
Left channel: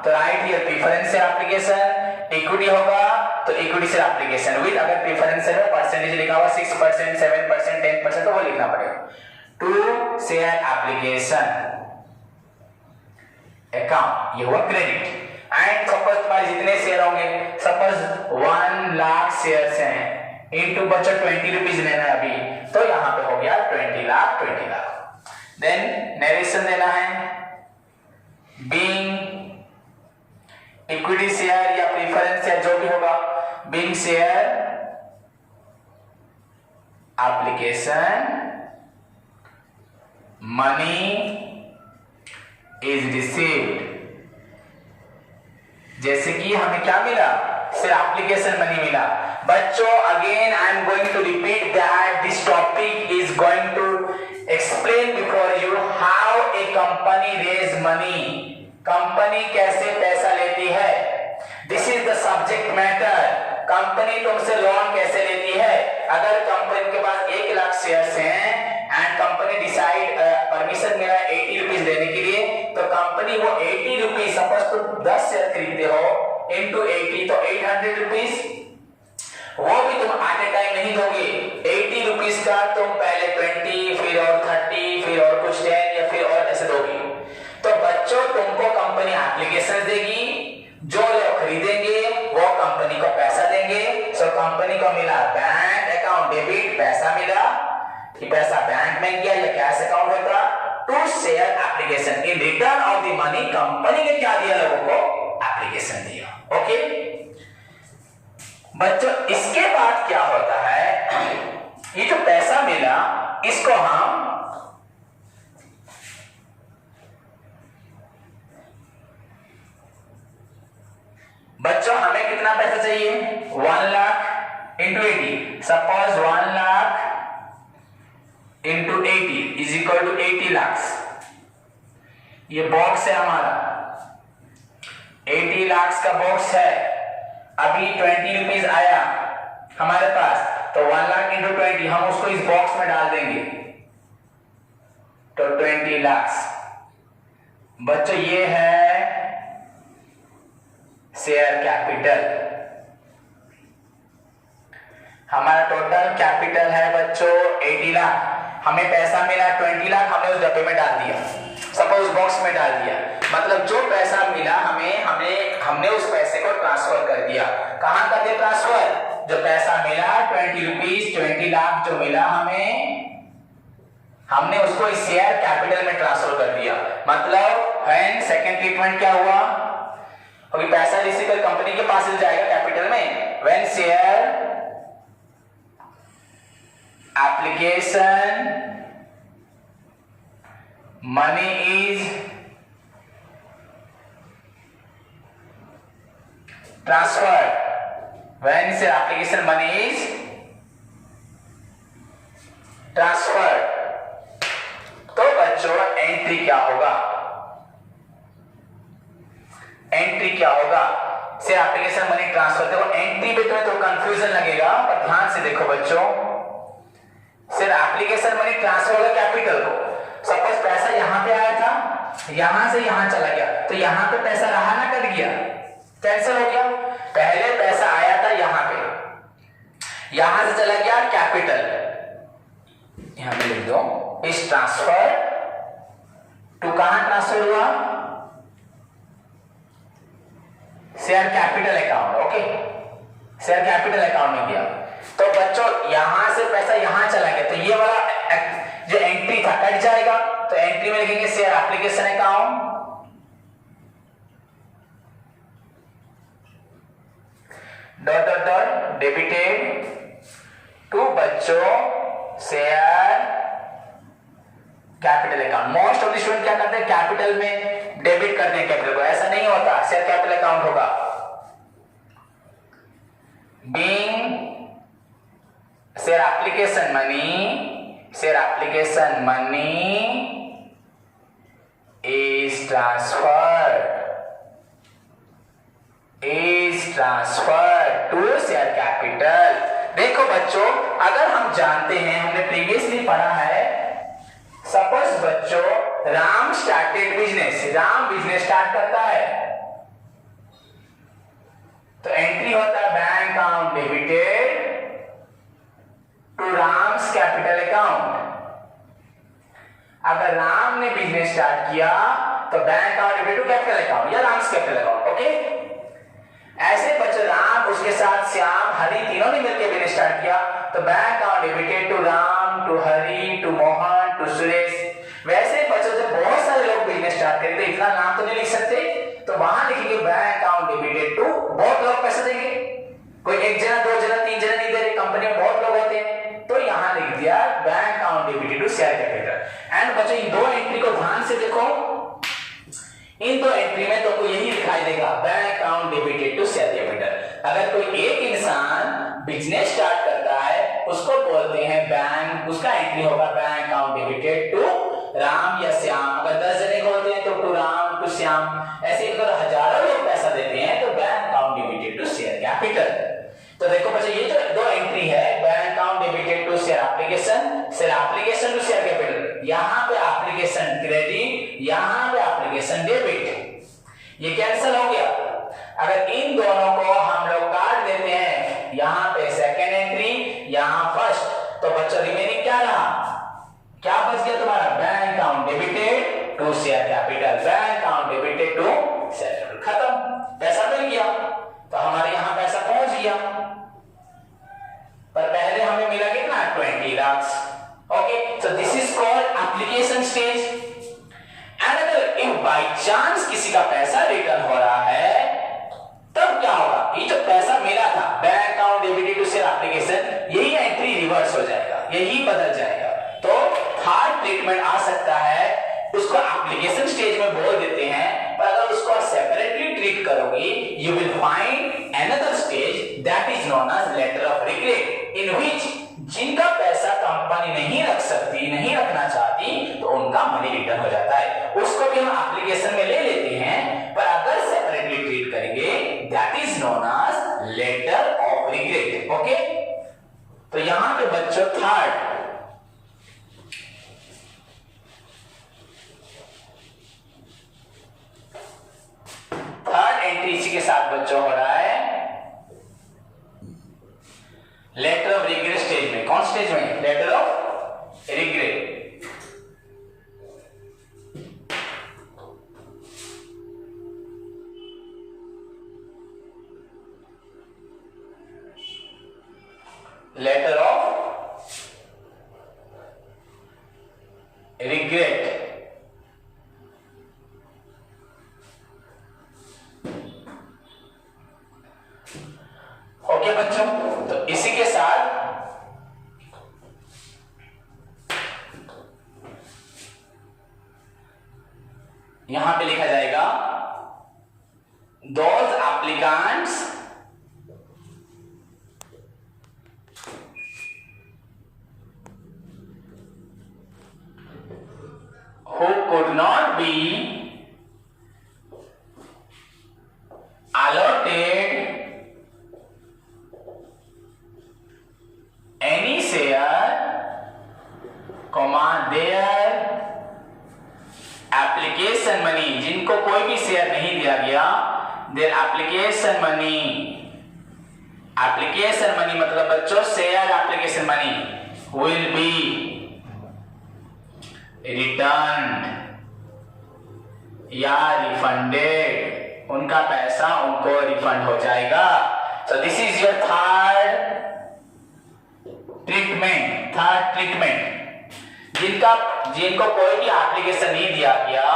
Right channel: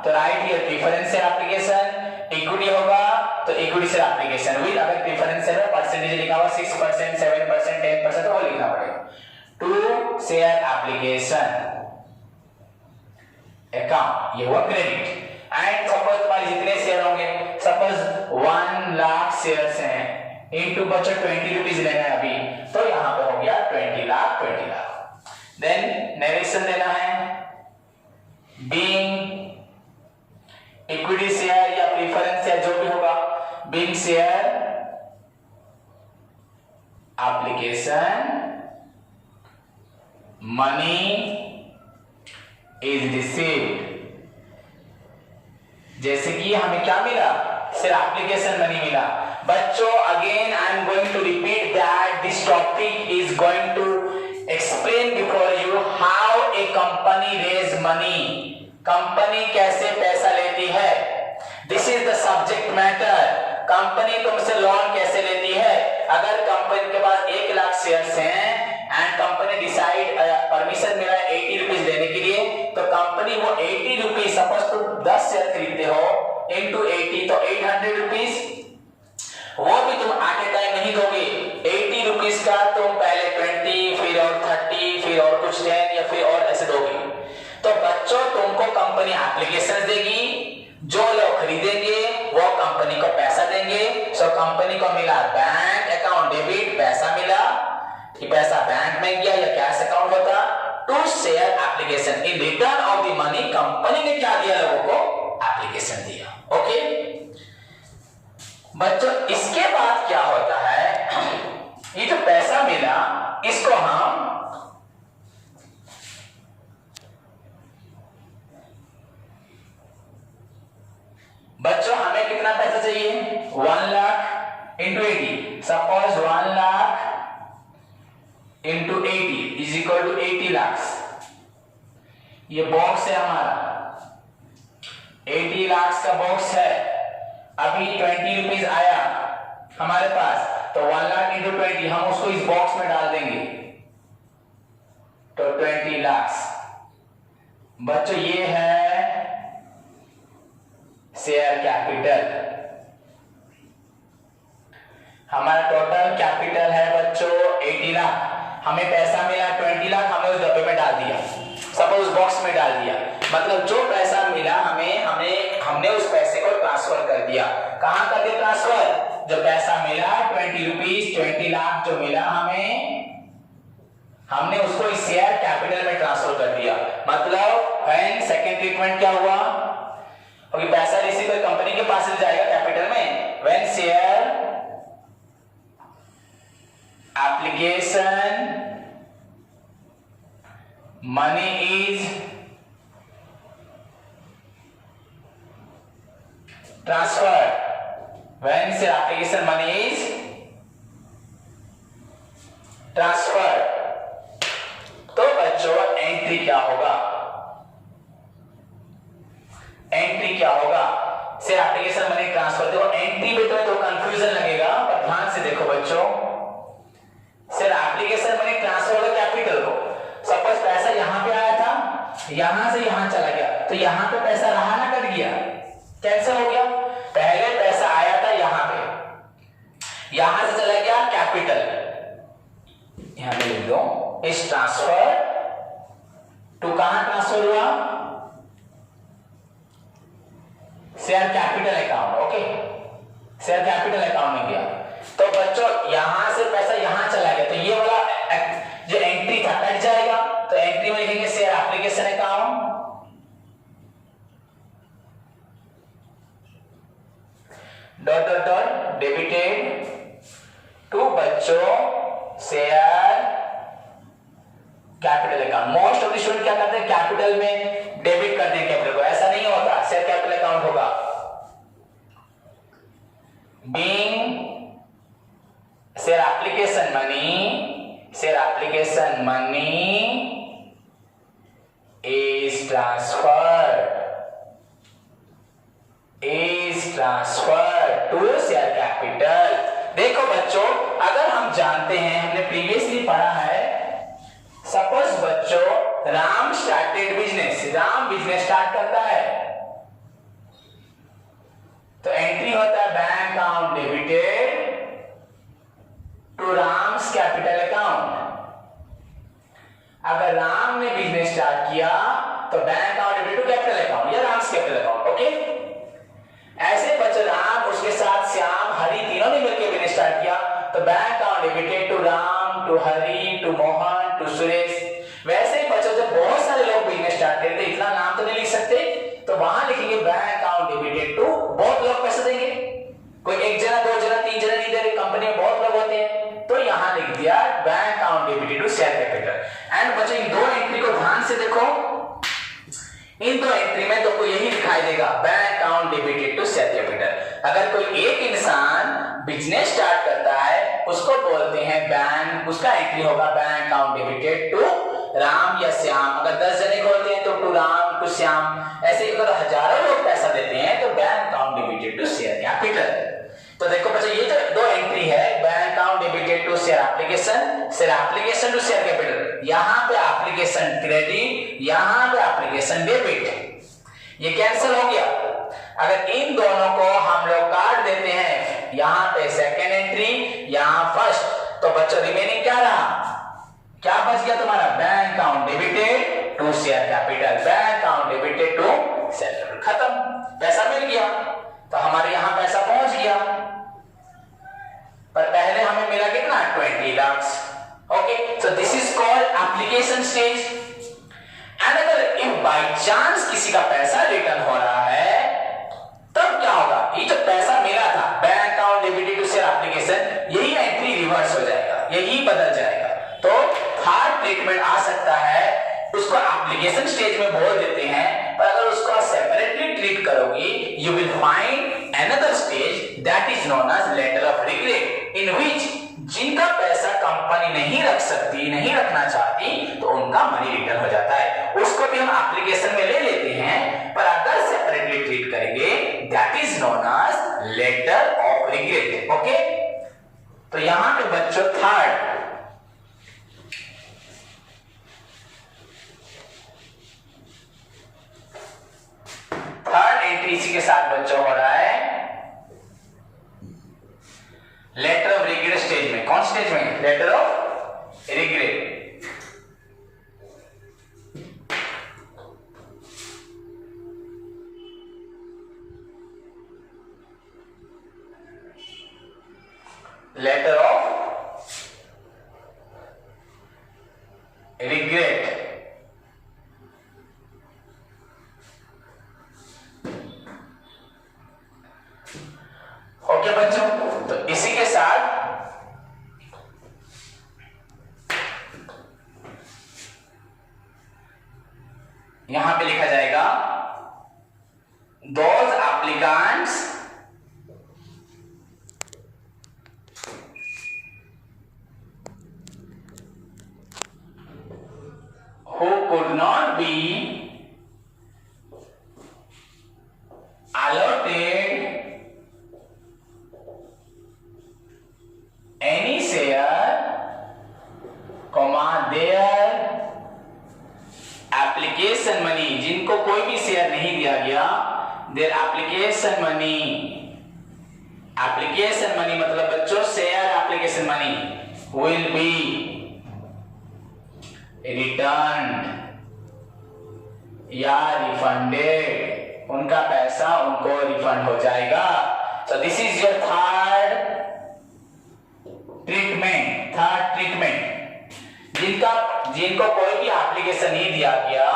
तो right here preference share application, equity होगा तो इक्विटी शेयर एप्लीकेशन विद, अगर प्रीफरेंस शेयर परसेंटेज लिखा हुआ 6%, 7%, 10% तो वो लिखना पड़ेगा, टू शेयर एप्लीकेशन अकाउंट, ये हुआ क्रेडिट। एंड सपोज तुम्हारे जितने शेयर होंगे, सपोज 1 लाख शेयर्स हैं, इनटू बच्चों 20 रुपीज लेना है अभी, तो यहां पे हो गया 20 लाख। देन नरेशन देना है, बीइंग इक्विटी शेयर या प्रीफरेंस शेयर जो भी होगा, being share application money is received. जैसे कि हमें क्या मिला, शेयर एप्लीकेशन मनी मिला। बच्चों again I am going to repeat that this topic is going to explain before you how a company raise money, company कैसे पैसा लेती है, this is the subject matter। Company तुमसे लोन कैसे लेती है, अगर कंपनी के पास 1 लाख शेयर्स हैं एंड कंपनी डिसाइड परमिशन मिला 80 रुपीज देने के लिए, तो कंपनी वो 80 रुपीज, सपोज तुम 10 शेयर खरीदते हो इनटू 80 तो 800 रुपीज, वो भी तुम एट ए टाइम नहीं दोगे। 80 रुपीज का तुम पहले 20, फिर और 30, फिर और कुछ 10 या फिर और ऐसे दोगे। तो बच्चों तुमको कंपनी एप्लीकेशन देगी, जो लोग खरीदेंगे वो कंपनी को पैसा देंगे। सो कंपनी को मिला बैंक अकाउंट डेबिट, पैसा मिला, कि पैसा बैंक में गया या कैश अकाउंट होता, to share application, in return of the money company ने क्या दिया, लोगों को एप्लीकेशन दिया। ओके बच्चों, इसके बाद क्या होता है, ये जो पैसा मिला इसको हम बच्चों हमें कितना पैसा चाहिए, 1 lakh into 80, suppose 1 lakh into 80 is equal to 80 lakh. ये बॉक्स है हमारा, 80 लाख का बॉक्स है। अभी 20 रुपीज आया हमारे पास, तो 1 लाख इंटू 20 हम उसको इस बॉक्स में डाल देंगे, तो 20 लाख। बच्चों ये है शेयर कैपिटल, हमारा टोटल कैपिटल है बच्चों 80 लाख। हमें पैसा मिला 20 लाख, हमने उस डब्बे में डाल दिया, सपोज बॉक्स में डाल दिया, मतलब जो पैसा मिला हमने उस पैसे को ट्रांसफर कर दिया। कहां कर दिया ट्रांसफर, जो पैसा मिला 20 रुपीज, 20 लाख जो मिला हमने उसको इस शेयर कैपिटल में ट्रांसफर कर दिया। मतलब व्हेन सेकंड ट्रीटमेंट क्या हुआ, क्योंकि पैसा रिसीव कर कंपनी के पास से जाएगा कैपिटल में, when share application money is transferred, when share application money is transferred, तो बच्चों एंट्री क्या होगा, एंट्री क्या होगा, शेयर एप्लीकेशन मनी ट्रांसफर। देखो एंट्री पे तो कंफ्यूजन लगेगा, पर ध्यान से देखो बच्चों, शेयर एप्लीकेशन मनी ट्रांसफर होगा कैपिटल को। सपोज पैसा यहां पे आया था, यहां से यहां चला गया, तो यहां पे पैसा रहा ना, कट गया, कैंसिल हो गया। पहले पैसा आया था यहां पे, यहां से चला गया कैपिटल, यहां पे लिख दो इस ट्रांसफर टू, कहां ट्रांसफर हुआ, share capital account. Okay, share capital account में गया। तो बच्चों यहां से पैसा यहां चला गया, तो ये वाला जो एंट्री था कट जाएगा। तो एंट्री में लिखेंगे share application account, dot dot dot debited to बच्चों share capital account. Most of the student क्या करते हैं, कैपिटल में डेबिट करते हैं कैपिटल को, ऐसा नहीं होता, शेयर कैपिटल अकाउंट होगा। Being share application money, share application money is transferred to share capital. देखो बच्चों, अगर हम जानते हैं, हमने प्रीवियसली पढ़ा है, सपोज बच्चों Ram started business, Ram business start करता है, तो एंट्री होता है bank account debited to Ram's capital account. अगर राम ने बिजनेस स्टार्ट किया तो bank account debited to capital account या राम्स कैपिटल अकाउंट। ओके, ऐसे बच्चों राम, उसके साथ श्याम, हरि तीनों ने मिलकर बिजनेस स्टार्ट किया, तो bank account debited to Ram, to Hari, to Mohan, to Suresh. वैसे बच्चों जब बहुत सारे लोग बिजनेस स्टार्ट करेंगे, इतना नाम तो नहीं लिख सकते, तो वहां लिखेंगे बैंक अकाउंट डेबिटेड टू, बहुत लोग पैसे देंगे, कोई एक जना, दो जना, तीन जना नहीं दे रहे, कंपनी में बहुत लोग होते हैं, तो यहां लिख दिया bank account debited to share capital. And बच्चों इन दो एंट्री को ध्यान से देखो, इन दो एंट्री में तुमको यही दिखाई देगा, bank account debited to share capital. अगर कोई एक इंसान बिजनेस स्टार्ट करता है, उसको बोलते हैं बैंक, उसका एंट्री होगा bank account debited to Ram या श्याम। अगर 10 जने खोलते हैं तो टू राम, टू श्याम। ऐसे अगर हजारों लोग पैसा देते हैं तो bank account debited to share capital. तो देखो बच्चों, ये जो दो एंट्री है, bank account debited to share application, share application to share capital, यहां पे एप्लीकेशन क्रेडिट, यहां पे एप्लीकेशन डेबिट, ये कैंसिल हो गया। अगर इन दोनों को हम लोग काट देते हैं, यहां पे सेकेंड एंट्री, यहां फर्स्ट, तो बच्चों रिमेनिंग क्या रहा, क्या बच गया तुम्हारा, bank account debited to share capital, bank account debited to share capital, खत्म, पैसा मिल गया। तो हमारे यहां पैसा पहुंच गया, पर पहले हमें मिला कितना, 20 lakh. Okay, so this is called application stage. And अगर इफ बाय चांस किसी का पैसा रिटर्न हो रहा है, तब क्या होगा, ये जो पैसा मिला था bank account debited to share application, यही एंट्री रिवर्स हो जाएगा, यही बदल जाएगा। तो थर्ड ट्रीटमेंट आ सकता है, उसको एप्लीकेशन स्टेज में बोल देते हैं, पर अगर उसको सेपरेटली ट्रीट करोगी, you will find another stage that is known as letter of regret, in which जिनका पैसा कंपनी नहीं रख सकती, नहीं रखना चाहती, तो उनका मनी रिटर्न हो जाता है, उसको भी हम एप्लीकेशन में ले लेते हैं, पर अगर सेपरेटली ट्रीट करेंगे that is known as letter of regret. Okay, तो यहां पे बच्चों थर्ड एंट्री इसी के साथ बच्चों हो रहा है लेटर ऑफ रिग्रेट स्टेज में। कौन स्टेज में, letter of regret. Letter of regret. Okay बच्चों, तो इसी के साथ यहां पे लिखा जाएगा those applicants who could not be allotted any share, their application money, जिनको कोई भी शेयर नहीं दिया गया, their application money, application money मतलब बच्चों share application money will be returned या रिफंडेड, उनका पैसा उनको रिफंड हो जाएगा। So this is your third treatment. जिनको कोई भी एप्लीकेशन नहीं दिया गया,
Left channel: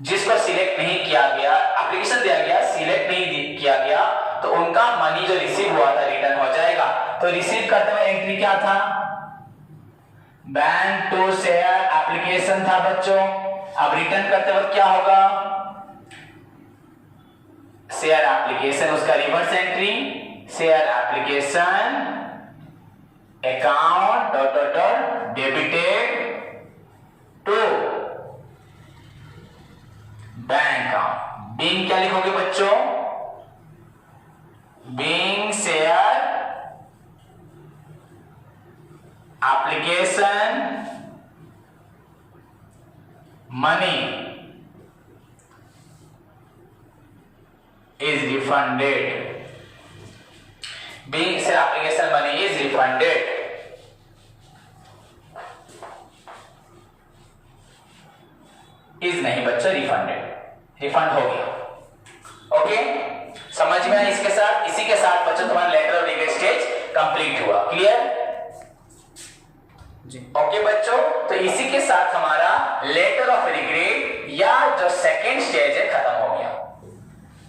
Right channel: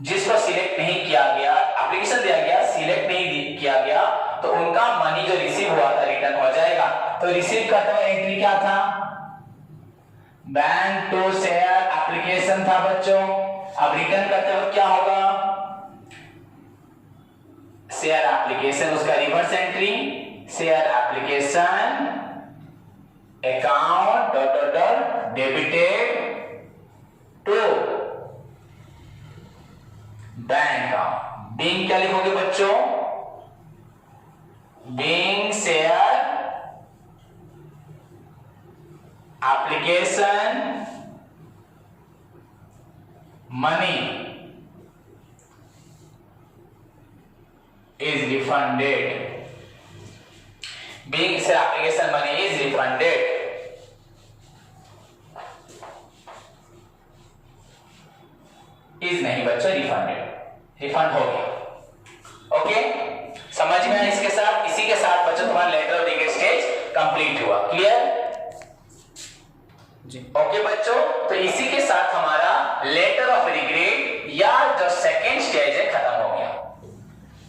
जिसको सिलेक्ट नहीं किया गया, एप्लीकेशन दिया गया सिलेक्ट नहीं किया गया, तो उनका मनी जो रिसीव हुआ था रिटर्न हो जाएगा। तो रिसीव करते हुए एंट्री क्या था? बैंक टू शेयर एप्लीकेशन था बच्चों। अब रिटर्न करते वक्त क्या होगा? शेयर एप्लीकेशन, उसका reverse entry share application account debited to bank account. Being क्या लिखोगे बच्चों? Being share application money is refunded, being say application money is refunded, is नहीं बच्चों refunded, रिफंड हो गया। ओके समझ में आया? इसके साथ इसी के साथ बच्चों तुम्हारा letter of regret stage complete हुआ। क्लियर जी? ओके बच्चों, तो इसी के साथ हमारा लेटर ऑफ रिग्रेट या जो सेकेंड स्टेज है खत्म हो गया।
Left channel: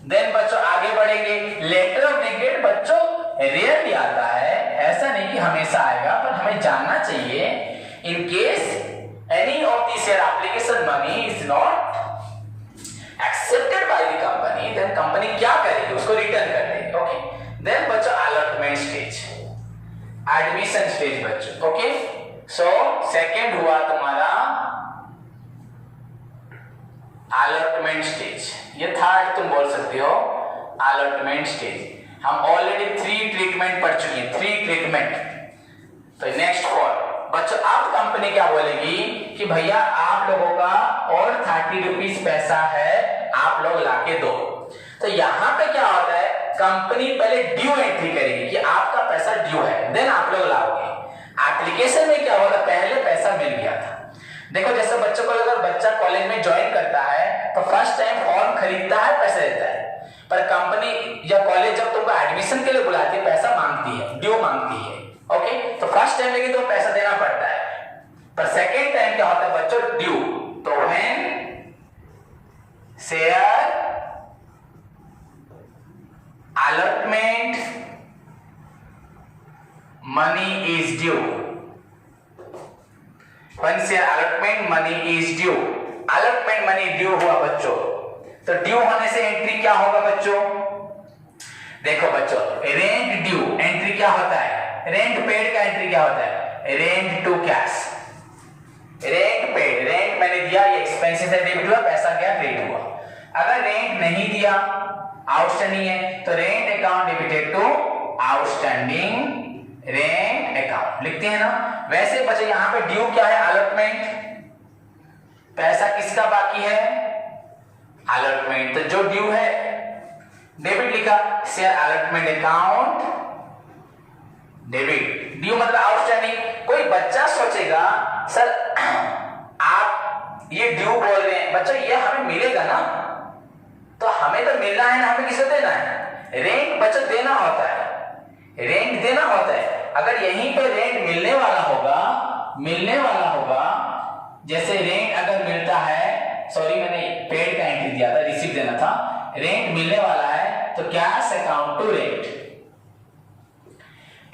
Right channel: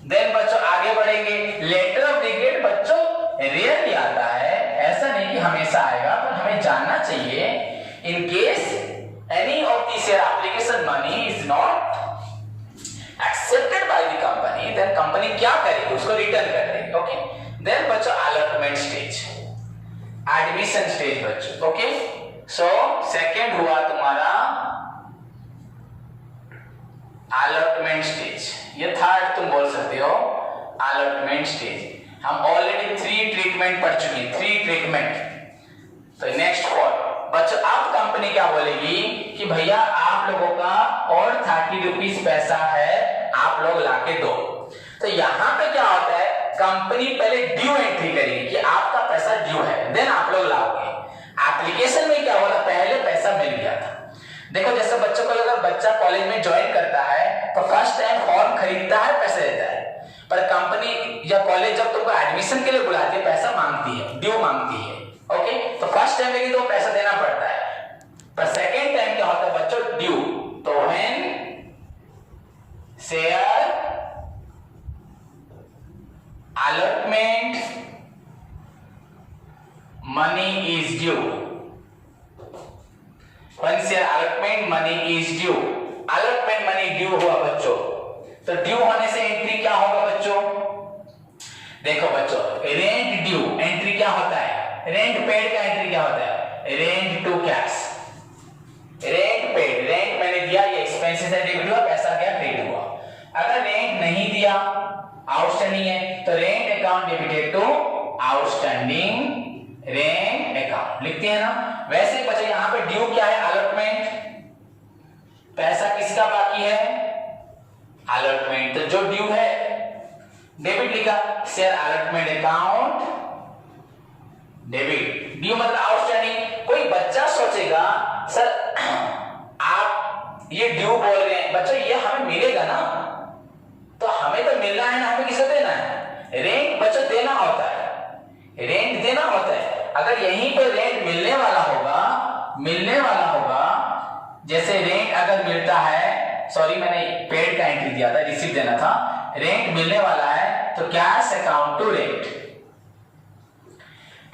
देन बच्चों आगे बढ़ेंगे। लेटर ऑफ रिग्रेट बच्चों रेयरली आता है, ऐसा नहीं कि हमेशा आएगा, पर हमें जानना चाहिए in case any of this share application money is not accepted by the company, then company क्या करेगी? उसको रिटर्न कर देगी। ओके देन बच्चों अलॉटमेंट स्टेज, एडमिशन स्टेज बच्चों। ओके सो सेकंड हुआ तुम्हारा अलॉटमेंट स्टेज, ये थर्ड तुम बोल सकते हो अलॉटमेंट स्टेज। हम ऑलरेडी 3 ट्रीटमेंट पढ़ चुके हैं, 3 ट्रीटमेंट। तो नेक्स्ट 4 बच्चों अब कंपनी क्या बोलेगी कि भैया आप लोगों का और 30 रुपीज पैसा है, आप लोग लाके दो। तो यहां पे क्या होता है, कंपनी पहले ड्यू एंट्री करेगी कि आपका पैसा ड्यू है, देन आप लोग लाओगे। एप्लीकेशन में क्या हुआ था, पहले पैसा मिल गया था। देखो जैसे बच्चों को अगर बच्चा कॉलेज में ज्वाइन करता है तो फर्स्ट टाइम फॉर्म खरीदता है, पैसे देता है, पर कंपनी या कॉलेज जब तुमको एडमिशन के लिए बुलाती है पैसा मांगती है, ड्यू मांगती है। ओके तो फर्स्ट टाइम लेकिन तो पैसा देना पड़ता है, पर सेकेंड टाइम क्या होता है बच्चों, ड्यू। तो when share allotment money is due, when share allotment money is due, allotment money due हुआ बच्चों, तो ड्यू होने से एंट्री क्या होगा बच्चों? देखो बच्चों रेंट ड्यू एंट्री क्या होता है, रेंट पेड का एंट्री क्या होता है, rent to cash, rent paid, rent मैंने दिया, ये एक्सपेंसेस है डेबिट हुआ, पैसा क्या क्रेडिट हुआ। अगर रेंट नहीं दिया, आउटस्टैंडिंग है, तो rent account debited to outstanding rent account लिखते हैं ना। वैसे बच्चे यहां पे ड्यू क्या है, अलॉटमेंट, पैसा किसका बाकी है, अलॉटमेंट, तो जो ड्यू है डेबिट लिखा, share allotment account debit, due मतलब आउटस्टैंडिंग। कोई बच्चा सोचेगा सर आप ये ड्यू बोल रहे हैं, बच्चों ये हमें मिलेगा ना, तो हमें तो मिलना है ना, हमें किसे देना है, रेंट बच्चों देना होता है, रेंट देना होता है। अगर यहीं पे रेंट मिलने वाला होगा, जैसे रेंट अगर मिलता है, सॉरी मैंने पेड का एंट्री दिया था, रिसीव देना था, रेंट मिलने वाला है तो cash account to rent.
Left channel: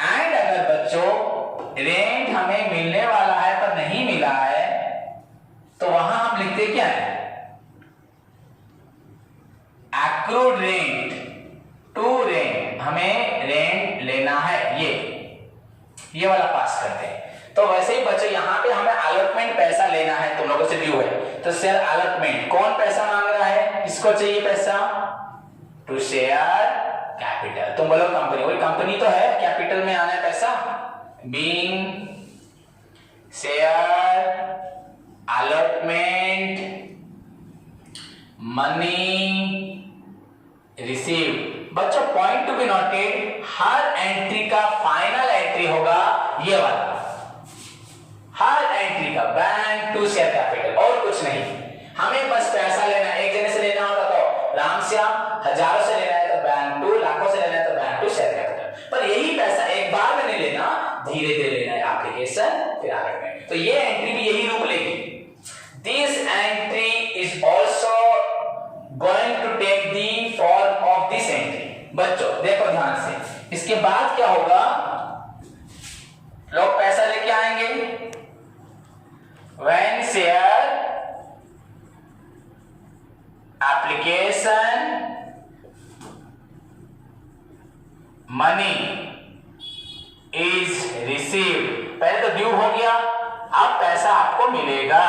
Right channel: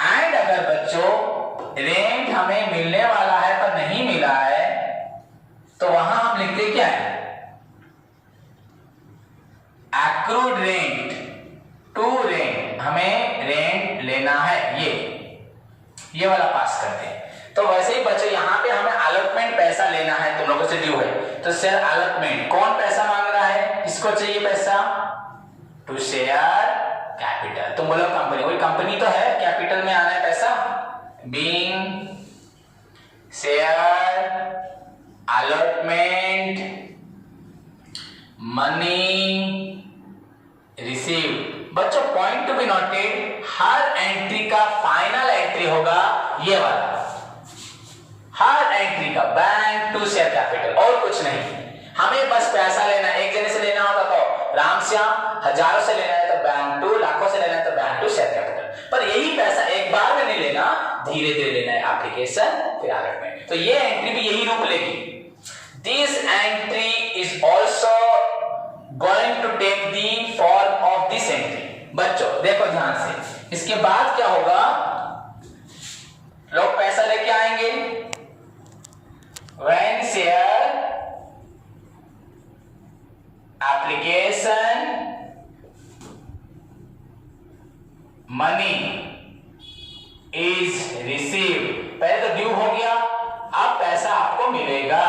And अगर बच्चों रेंट हमें मिलने वाला है पर नहीं मिला है, तो वहां हम लिखते क्या है, एक्रूड रेंट टू रेंट, हमें रेंट लेना है, ये वाला पास करते हैं। तो वैसे ही बच्चों यहाँ पे हमें अलॉटमेंट पैसा लेना है, तुम लोगों से ड्यू है, तो शेयर अलॉटमेंट कौन पैसा मांग रहा है, किसको चाहिए पैसा, टू शेयर कैपिटल। तुम बोलो कंपनी, वही कंपनी तो है, कैपिटल में आना है पैसा, बीइंग शेयर अलॉटमेंट मनी बच्चों point to be noted, her entry का फाइनल एंट्री होगा ये वाला, हर एंट्री का बैंक टू शेयर कैपिटल, और कुछ नहीं। हमें बस पैसा लेना, एक जने से लेना होगा तो रामश्याम, हजारों से लेना है तो बैंक टू, लाखों से लेना है तो बैंक टू शेयर कैपिटल। पर यही पैसा एक बार में नहीं लेना, धीरे धीरे लेना है, एप्लीकेशन फिर अलॉटमेंट। तो ये एंट्री भी यही रूप लेगी। This entry is also going to take the form of this entry. बच्चों देखो ध्यान से, इसके बाद क्या होगा, लोग पैसा लेके आएंगे, when share application money is received, पहले तो ड्यू हो गया, अब पैसा आपको मिलेगा।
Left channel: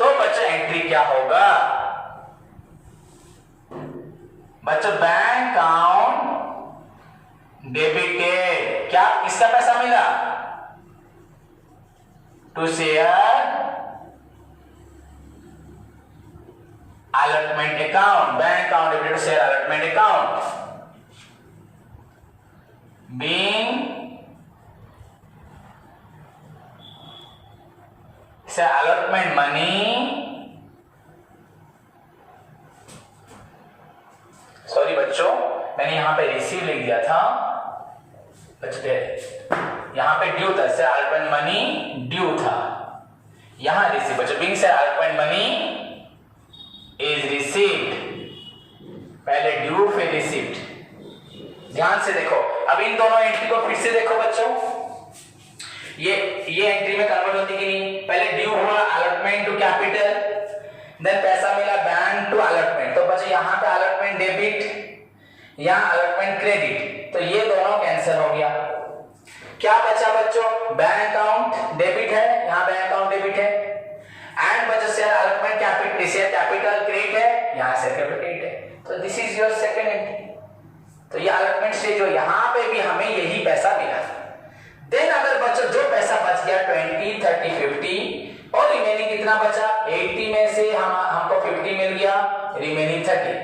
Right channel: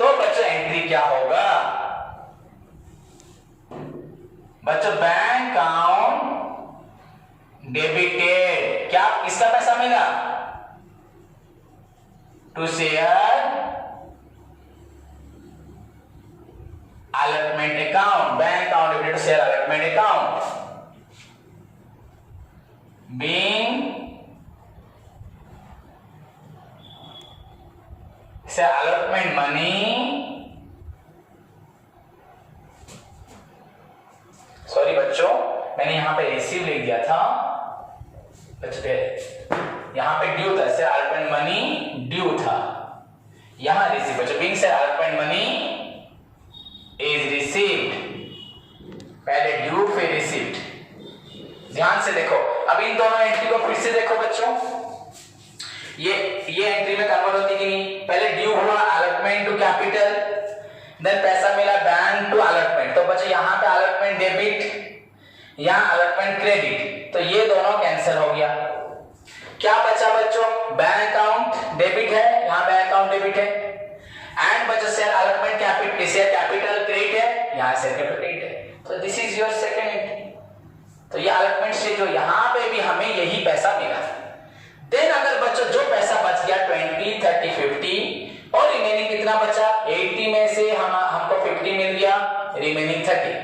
तो बच्चों एंट्री क्या होगा, बच्चों बैंक अकाउंट डेबिटेड, क्या किसका पैसा मिला, to share allotment account, bank account debited to share allotment account, being share allotment money, sorry बच्चों मैंने यहां पे रिसीव लिख दिया था, बच्चों यहां पे ड्यू था, शेयर allotment money ड्यू था, यहां रिसीव, बच्चों being share allotment money is received, पहले ड्यू फिर रिसीव्ड। ध्यान से देखो, अब इन दोनों एंट्री को फिर से देखो बच्चों, ये एंट्री में कन्वर्ट होती कि नहीं, पहले ड्यू हुआ अलॉटमेंट टू कैपिटल, देन पैसा मिला बैंक टू अलॉटमेंट, तो बच्चों यहां पे अलॉटमेंट डेबिट, यहां अलॉटमेंट क्रेडिट, तो ये दोनों कैंसिल हो गया। क्या बचा बच्चों, बैंक अकाउंट डेबिट है, यहां बैंक अकाउंट डेबिट है, एंड बच्चों share allotment capital, share capital credit है, यहां शेयर कैपिटल क्रेडिट है, तो this is your second entry. तो ये अलॉटमेंट स्टेज जो यहां पे भी हमें यही पैसा मिला। देन अगर बच्चों जो पैसा बच गया 20, 30, 50 और रिमेनिंग कितना बचा, 80 में से हमको 50 मिल गया, रिमेनिंग 30,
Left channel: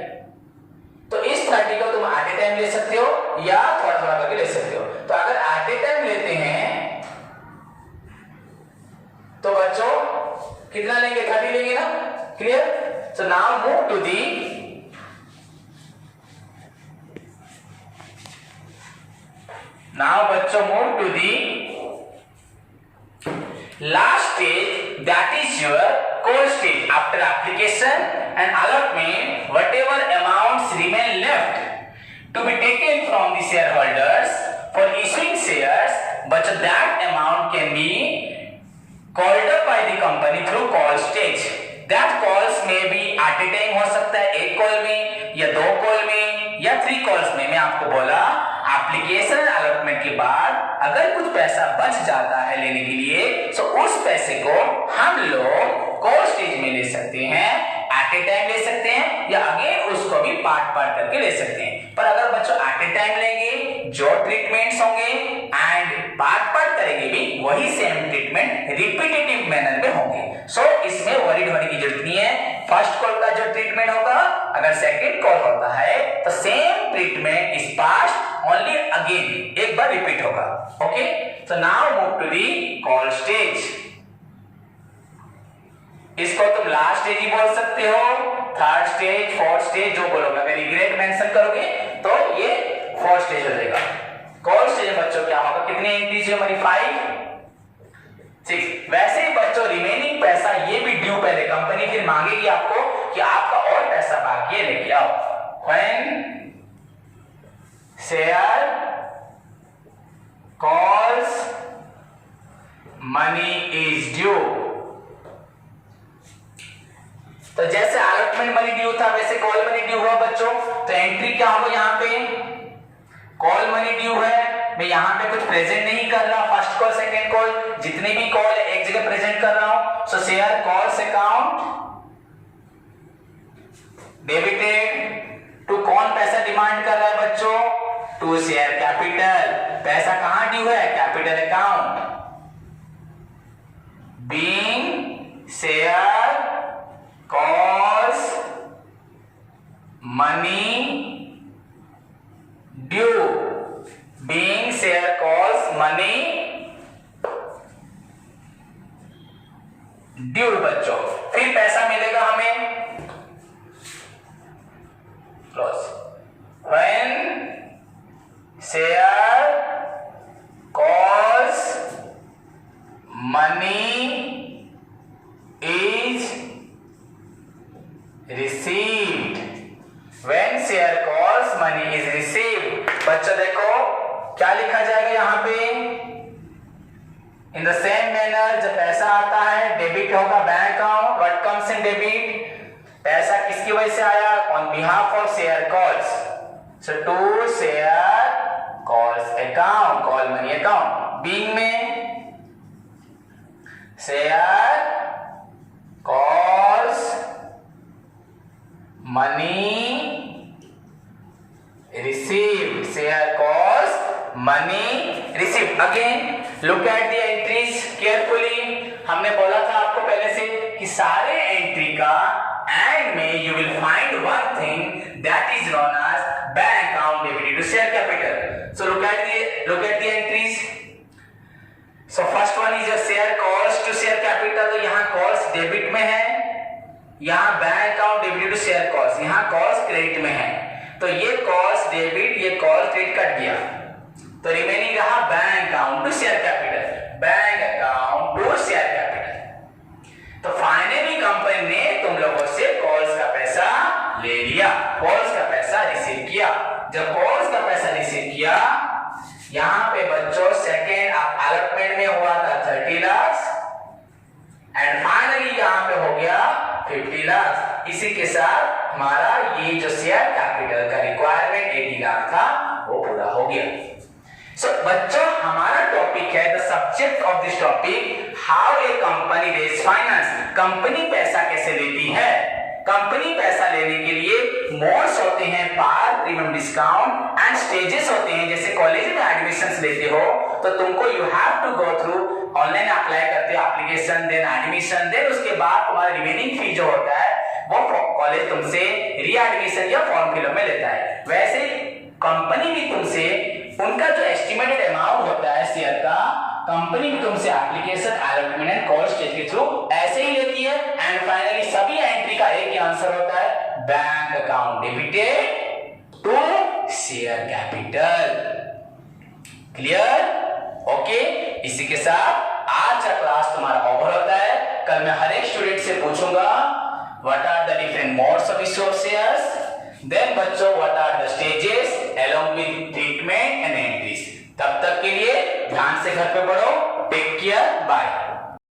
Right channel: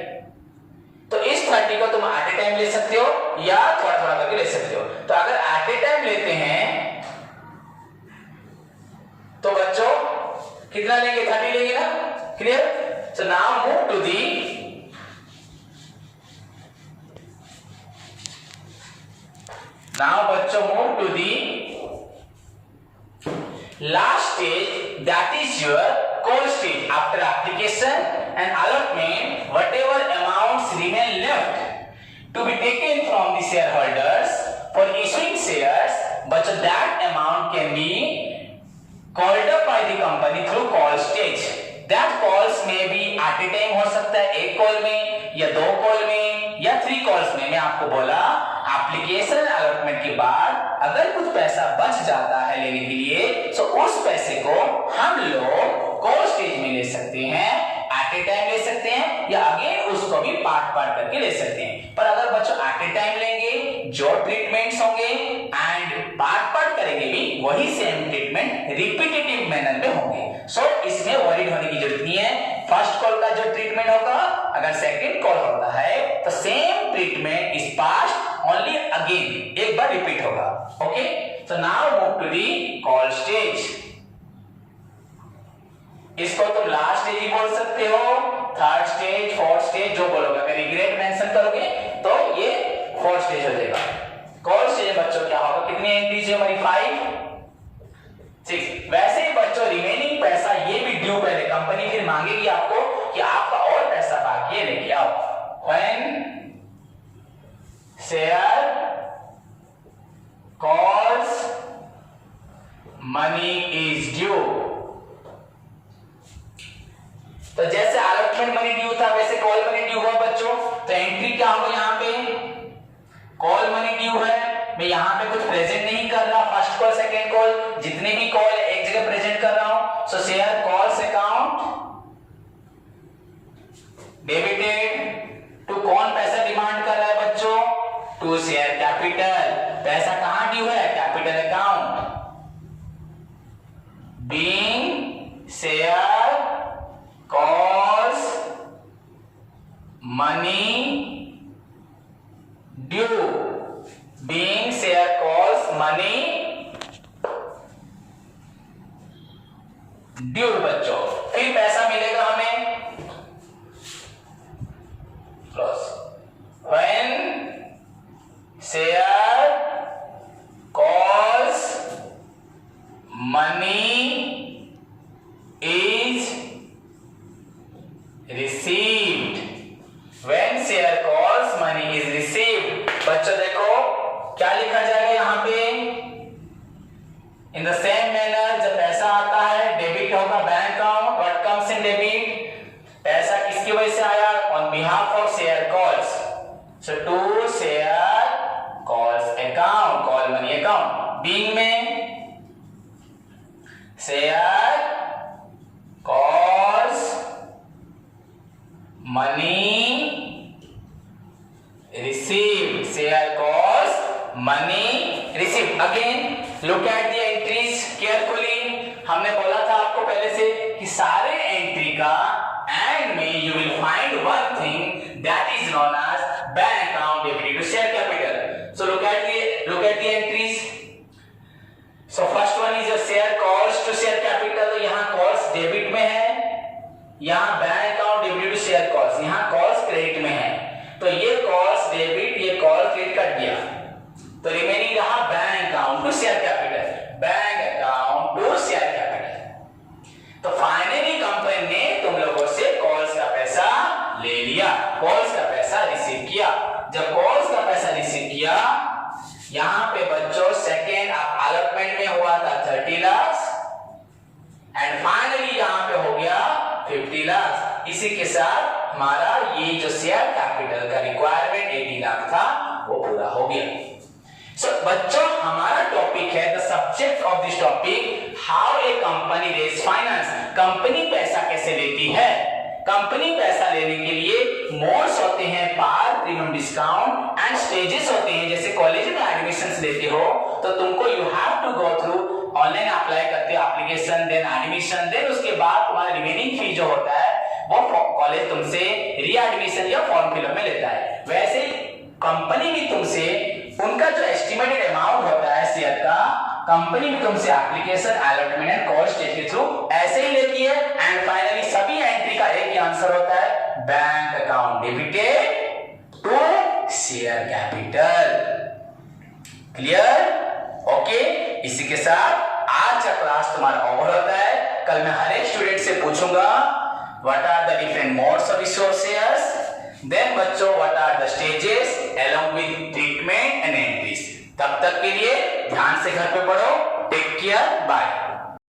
तो इस 30 को तुम एट ए टाइम ले सकते हो या थोड़ा थोड़ा करके ले सकते हो। तो अगर एट ए टाइम लेते हैं तो बच्चों कितना लेंगे, 30 लेंगे ना, clear. So now move to the बच्चों move to the last stage, that is your call stage. After application and allotment, whatever amounts remain left to be taken from the shareholders for issuing shares, but that amount can be called up by the company through call stage. That calls may be at a time, हो सकता है एक call में या 2 call में या 3 calls में। मैं आपको बोला एप्लीकेशन अलॉटमेंट के बाद अगर कुछ पैसा बच जाता है लेने के लिए, तो उस पैसे को हम लोग कॉल स्टेज में ले सकते हैं, एट ए टाइम ले सकते हैं, या अगेन उसको भी पार्ट पार्ट करके ले सकते हैं। पर अगर बच्चों एट ए टाइम लेंगे, जो ट्रीटमेंट्स होंगे एंड पार्ट पार्ट करेंगे भी वही सेम ट्रीटमेंट रिपीटेटिव मैनर में होंगे। सो इसमें वरीड होने की जरूरत नहीं है। फर्स्ट कॉल का जो ट्रीटमेंट होगा, अगर सेकंड कॉल होता है तो same treatment is passed only again, एक बार रिपीट होगा। Okay, so now move to the call stage. इसको तुम लास्ट स्टेज ही बोल सकते हो, थर्ड स्टेज, फोर्थ स्टेज, जो बोलोगे। अगर रिग्रेट मेंशन करोगे तो ये फोर्थ स्टेज हो जाएगा। कॉल स्टेज बच्चों क्या होगा, कितनी एंट्रीज है हमारी, 5, 6। वैसे ही बच्चों रिमेनिंग पैसा ये भी ड्यू, पहले कंपनी फिर मांगेगी आपको कि आपका और पैसा बाकी है, लेके आओ। When share calls money is due, तो जैसे अलॉटमेंट मनी ड्यू था वैसे कॉल मनी ड्यू हुआ बच्चों। तो एंट्री क्या होगा, यहाँ पे कॉल मनी ड्यू है, मैं यहाँ पे कुछ प्रेजेंट नहीं कर रहा, फर्स्ट कॉल सेकंड कॉल जितने भी कॉल है एक जगह प्रेजेंट कर रहा हूं। So share calls account debited to, कौन पैसा डिमांड कर रहा है बच्चों, टू शेयर कैपिटल। पैसा कहां ड्यू है, capital account, being share calls money due, being share cost money due बच्चों। फिर पैसा मिलेगा हमें when share cost money is received, when share cost money is received। बच्चों देखो क्या लिखा जाएगा यहाँ पे, इन द सेम मैनर जब पैसा आता है डेबिट होगा bank account, what comes in debit, पैसा किसकी वजह से आया, on behalf of share cost, so to share cost account, call money account, being में share cost money received, share cost money received. Again look at the entries carefully. हमने बोला था आपको पहले से कि सारे एंट्री का एंड में you will find one thing that is known as bank account debited to share capital. So look at the entries. So first one is a share cost to share capital, तो यहाँ cost debit में है, यहाँ bank account debited to share cost, यहाँ cost credit में है, तो ये कॉस्ट डेबिट ये कॉस्ट क्रेडिट कट गया, तो रिमेनिंग रहा bank account to share capital, bank account to share capital. तो फाइनली कंपनी ने तुम लोगों से कॉल्स का पैसा ले लिया, कॉल्स का पैसा रिसीव किया। जब कॉल्स का पैसा रिसीव किया, यहां पे बच्चों सेकेंड अलॉटमेंट में हुआ था 30 लाख एंड फाइनली यहां पे हो गया 50 लाख। इसी के साथ हमारा ये जो शेयर कैपिटल का रिक्वायरमेंट 80 लाख था वो पूरा हो गया। सो बच्चों हमारा टॉपिक है the subject of this topic how a company raise finance. Company पैसा कैसे लेती है। कंपनी पैसा लेने के लिए मोड्स होते हैं, पार, प्रीमियम, डिस्काउंट एंड स्टेजेस होते हैं। जैसे कॉलेज में एडमिशन लेते हो तो तुमको you have to go through, online apply करते हो एप्लीकेशन, देन एडमिशन, देन उसके बाद तुम्हारा रिमेनिंग फी जो होता है वो कॉलेज तुमसे री एडमिशन या फॉर्म फिलअप में लेता है। वैसे कंपनी भी तुमसे उनका जो एस्टिमेटेड अमाउंट होता है शेयर का, कंपनी भी तुमसे application, allotment and call stage के थ्रू ऐसे ही लेती है एंड फाइनली सभी एंट्री का एक ही आंसर होता है bank account debited to share capital. Clear? Okay, इसी के साथ आज का क्लास तुम्हारा ओवर होता है। कल मैं हर एक स्टूडेंट से पूछूंगा what are the different modes of issue of shares, then बच्चों what are the stages along with treatment and entries. तब तक के लिए ध्यान से घर पे पढ़ो। Take care, bye.